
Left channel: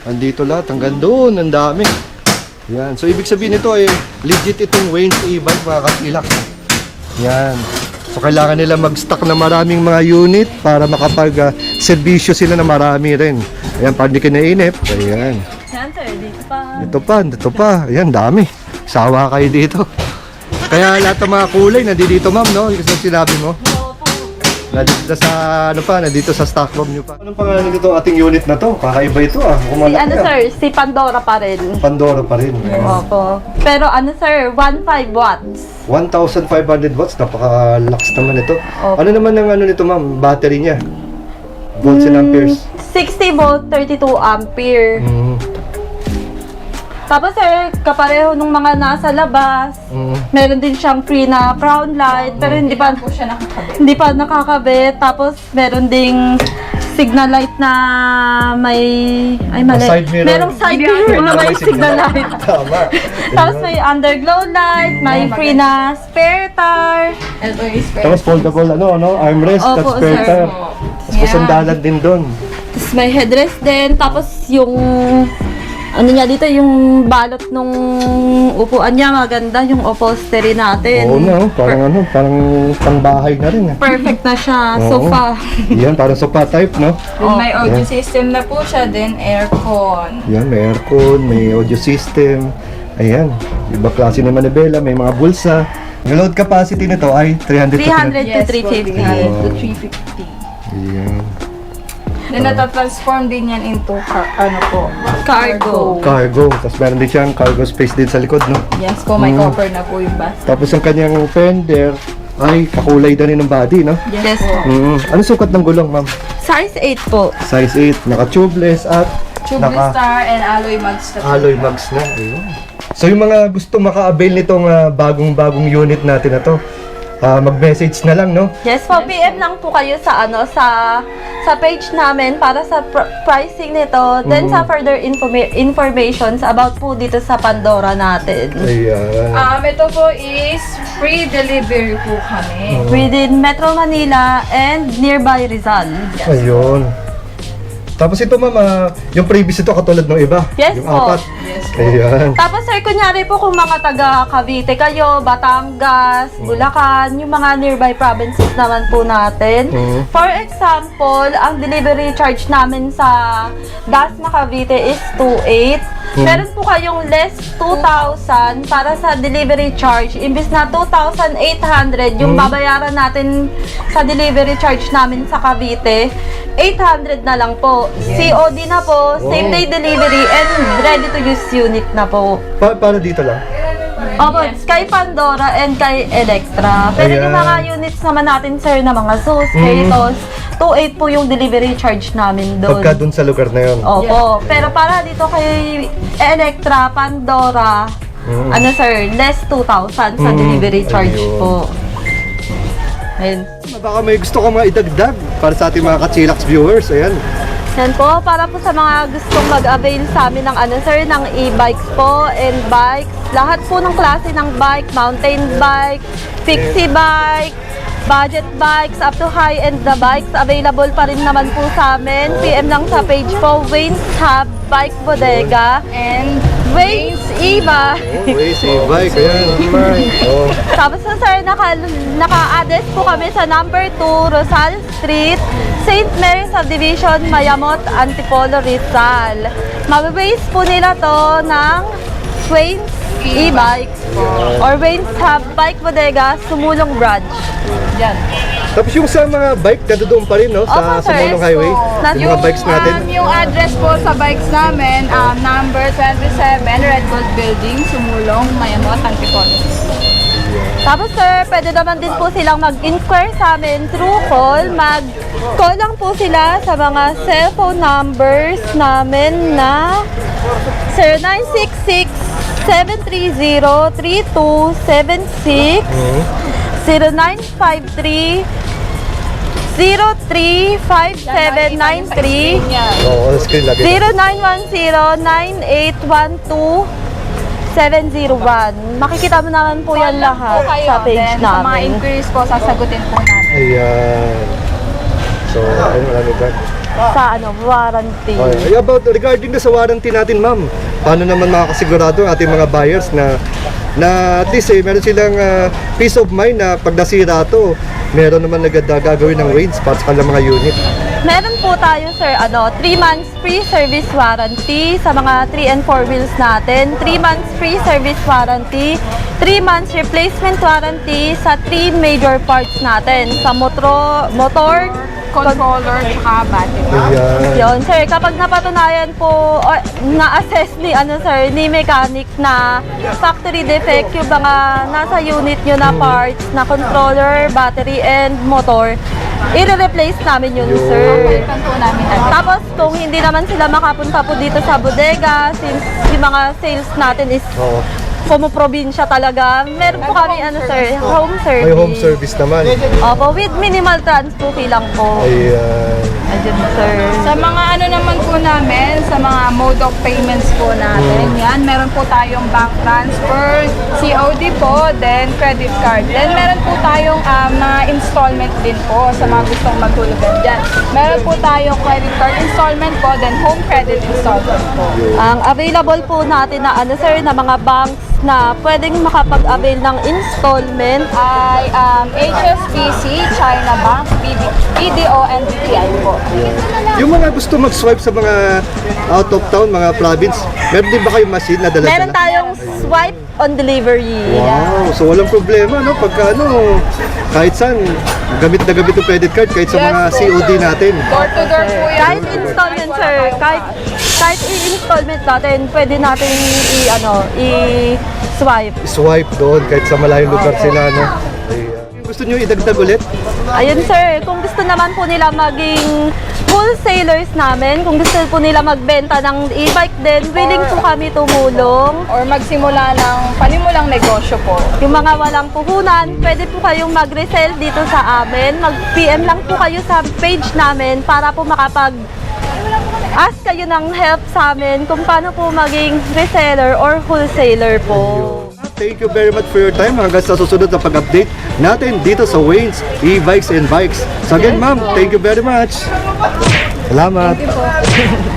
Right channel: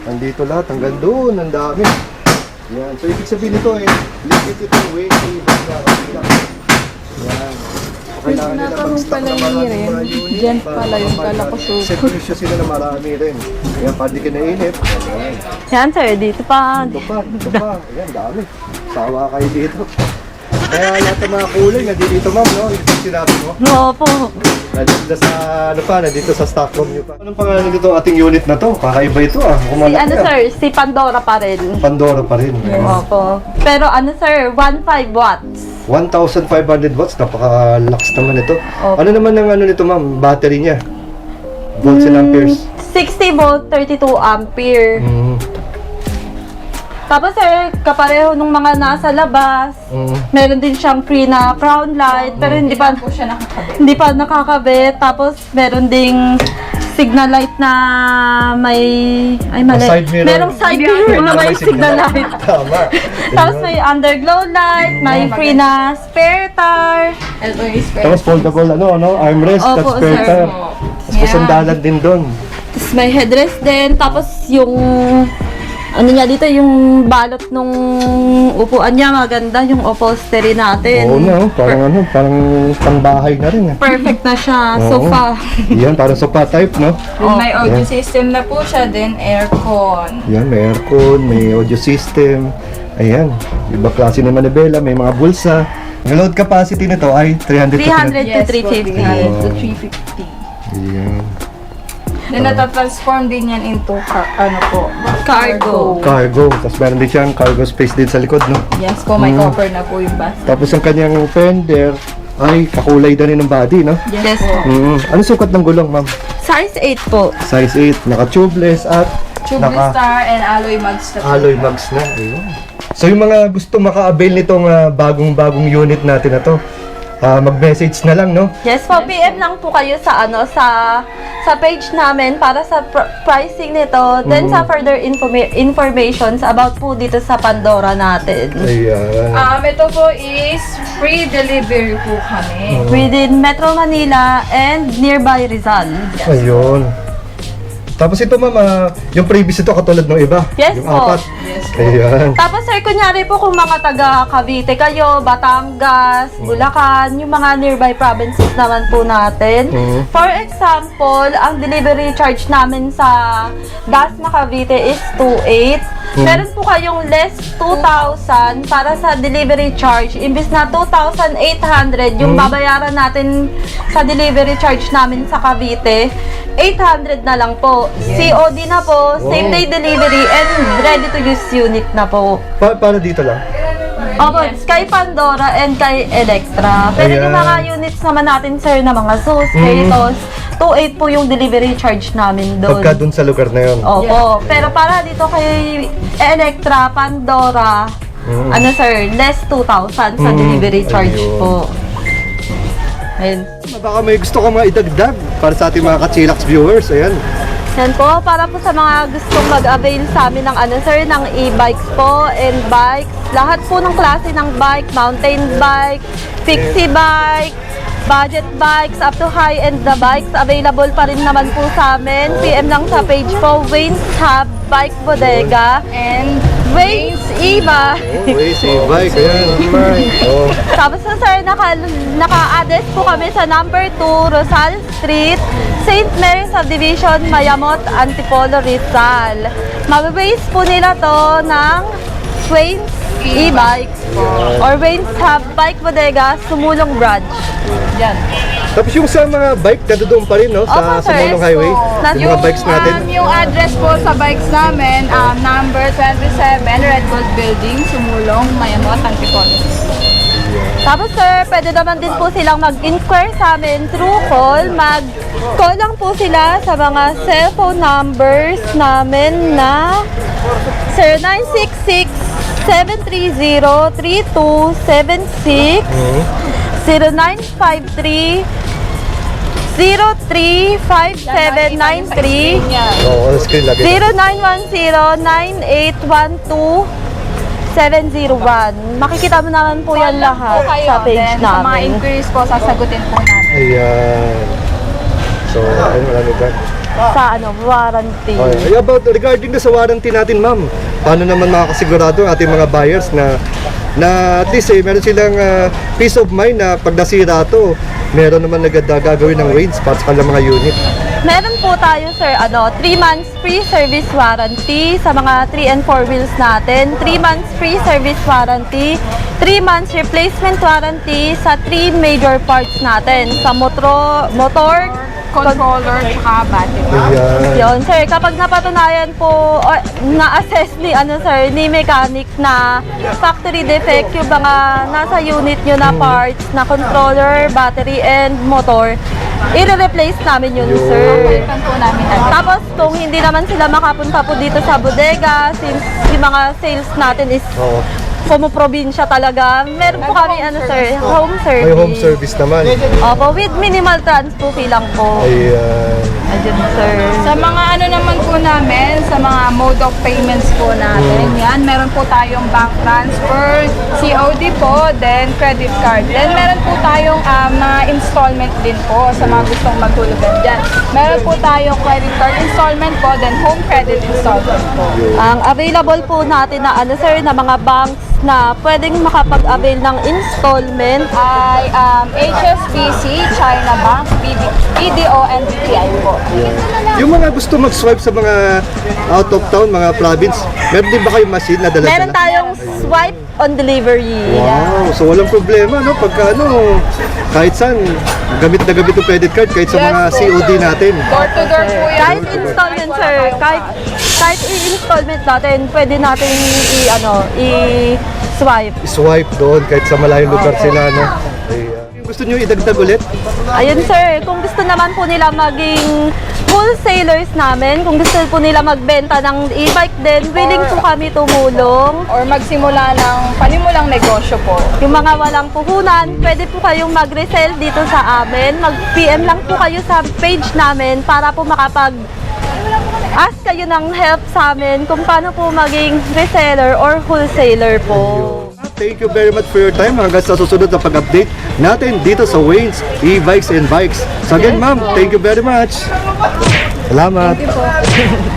Andito lahat, hanggang doon, ang dami. Yan. So, ibig sabihin ito ay legit itong Wayne e-bike, mga kapilak. Yan. So, kailangan nila mag-stock na maraming mga unit para makapag-servisyo sila na marami rin. Ayan, para hindi ka nainip. Ayan. Yan, sir, dito pa. Dito pa. Ayan, dami. Sawa kayo dito. Kaya lahat ng mga kulay nandito ma'am, no? Gusto sinabi mo? Opo. Nandito sa, ano pa, nandito sa stock room nyo pa. Anong pangalan nito ating unit na to? Kakaiba ito ah. Si Kumalaki ano ah. sir, si Pandora pa rin. Pandora pa rin. Opo. Pero ano sir, 15 watts. 1,500 watts, napaka-lax naman ito. Opo. Ano naman ang ano nito ma'am, battery niya? Volts and amperes. 60 volt, 32 ampere. Mm. Tapos sir, kapareho nung mga nasa labas. Meron din siyang free na crown light, pero hindi pa po siya nakakabit. hindi pa nakakabit. Tapos meron ding signal light na may mali. Side mirror. Merong side mirror na may signal light. Tama. Tapos may underglow light, may free na spare tire. Ito yung spare. Tapos foldable armrest, Opo, tapos spare sir. tire. Tapos may sandalan din doon. Tapos may headrest din. Tapos yung ano niya dito, yung balot nung upuan niya, maganda yung upholstery natin. Oo no, parang pangbahay na rin. Perfect na siya. Oo. Sofa. Yan, parang sofa type, no? May audio Yeah. system na po siya, then aircon. Yan, may aircon, may audio system. Ayan, iba klase ng manibela, may mga bulsa. Yung load capacity nito ay 300 300 to 350. 300 to 350. Ayan. Then natatransform din yan into Cargo. Cargo. Tapos meron din siyang cargo space din sa likod, no? Yes po, may cover na po yung bus. Tapos ang kanyang fender ay kakulay na rin ng body, no? Yes po. Ano sukat ng gulong, ma'am? Size 8 po. Size 8, naka-tubeless at Tubeless star and alloy mags na po. alloy mags na. Ayun. So yung mga gusto maka-avail nitong bagong-bagong unit natin na to, mag-message na lang, no? Yes po, PM lang po kayo sa sa page namin para sa pricing nito. Then sa further informations about po dito sa Pandora natin. Ayan. Ito po is free delivery po kami. Within Metro Manila and nearby Rizal. Ayun. Tapos ito, ma'am, yung previous ito katulad ng iba. Yes yung po. apat. Ayan. Tapos sir, kunyari po kung mga taga Cavite kayo, Batangas, Bulacan, yung mga nearby provinces naman po natin. For example, ang delivery charge namin sa Dasma Cavite is 2,800. Meron po kayong less 2,000 para sa delivery charge. Imbis na 2,800 yung babayaran natin sa delivery charge namin sa Cavite, 800 na lang po. COD na po, same day delivery, and ready to use unit na po. Para dito lang. Opo, kay Pandora and kay Electra. Pero yung Ayan. mga units naman natin, sir, na mga Zeus, Kratos, 2,800 po yung delivery charge namin doon. Pagka dun sa lugar na yun. Opo. Pero para dito kay Electra, Pandora, ano sir, less 2,000 sa delivery charge Ayun. po. Ayun. Baka may gusto ka mga idagdag para sa ating mga Kachilax viewers. Ayan. Yan po, para po sa mga gustong mag-avail sa amin ng ano sir, ng e-bikes po and bikes. Lahat po ng klase ng bike, mountain bike, fixie bike, budget bikes, up to high-end na bikes. Available pa rin naman po sa amin. PM lang sa page po, Wayne's Hub Bike Bodega and Wayne's e-bike. Waze, e-bike. Ayan. Oh. Tapos po sir, naka-address po kami sa number 2, Rosal Street, St. Mary Subdivision, Mayamot, Antipolo, Rizal. Mabibase po nila to ng Wayne's e-bikes po. Or Wayne's Hub Bike Bodega, Sumulong Branch. Yan. Tapos yung sa mga bike, nandoon pa rin, no? Sa Opo, sir. Sumulong Highway. Yes, Yung mga bikes natin. Yung address po sa bikes namin, number 27, Red Gold Building, Sumulong, Mayamot, Antipolo. Tapos sir, pwede naman din po silang mag-inquire sa amin through call. Mag-call lang po sila sa mga cellphone numbers namin na 0966-730-3276, 0953 035793, Oo, screen lagi. 0910-9812-701. Makikita mo naman po yan lahat sa page Then, sa mga namin. inquiries po, sasagutin po namin. Ayan. So, ayun, marami ba? Sa warranty. Okay. About regarding sa warranty natin, ma'am, paano naman makakasigurado ang ating mga buyers na at least meron silang peace of mind na pag nasira to, meron naman gagawin ng range para sa kanilang mga unit. Meron po tayo, sir, 3 months free service warranty sa mga 3 and 4 wheels natin. 3 months free service warranty. 3 months replacement warranty sa 3 major parts natin. Sa motor, Controller, tsaka battery. Ayan. yun, sir, kapag napatunayan po, na-assess ni mechanic na factory defect yung mga nasa unit nyo na parts, na controller, battery, and motor, i-replace namin yun, sir. Palitan po namin agad. Tapos, kung hindi naman sila makapunta po dito sa bodega, since yung mga sales natin is Oo. probinsya talaga, meron po kami, home service. May home service naman. Opo, with minimal transpo fee lang po. Ayan. Ayun, sir. Sa mga ano naman po namin, sa mga mode of payments po natin, yan, meron po tayong bank transfer, COD po, then credit card. Then meron po tayong mga installment din po sa mga gustong magtulugan dyan. Meron po tayong credit card installment po, then home credit installment po. Ang available po natin na sir, na mga banks na pwedeng makapag-avail ng installment. Ay HSBC, China Bank, BDO, and BPI po. Yung mga gusto mag-swipe sa mga out of town, mga province, meron din ba kayong machine na dala-dala? Meron tayong swipe on delivery. Wow, so walang problema, no? Pagka kahit saan, gamit na gamit yung credit card, kahit sa Yes mga po, COD sir. natin. Door to door po yan. Kahit installment, sir, kahit i-installment natin, pwede natin i-swipe. Swipe doon, kahit sa malayong lugar sila, no? Ayan. Yung gusto nyo idagdag ulit? Ayun, sir, kung gusto naman po nila maging wholesalers namin, kung gusto po nila magbenta ng e-bike din, willing po kami tumulong. Or magsimula ng panimulang negosyo po. Yung mga walang puhunan, pwede po kayong mag-resell dito sa amin. Mag-PM lang po kayo sa page namin para po ask kayo ng help sa amin kung paano po maging reseller or wholesaler po. Thank you very much for your time hanggang sa susunod na pag-update natin dito sa Wayne's E-Bikes and Bikes. So again, ma'am, thank you very much. Salamat. Thank you po.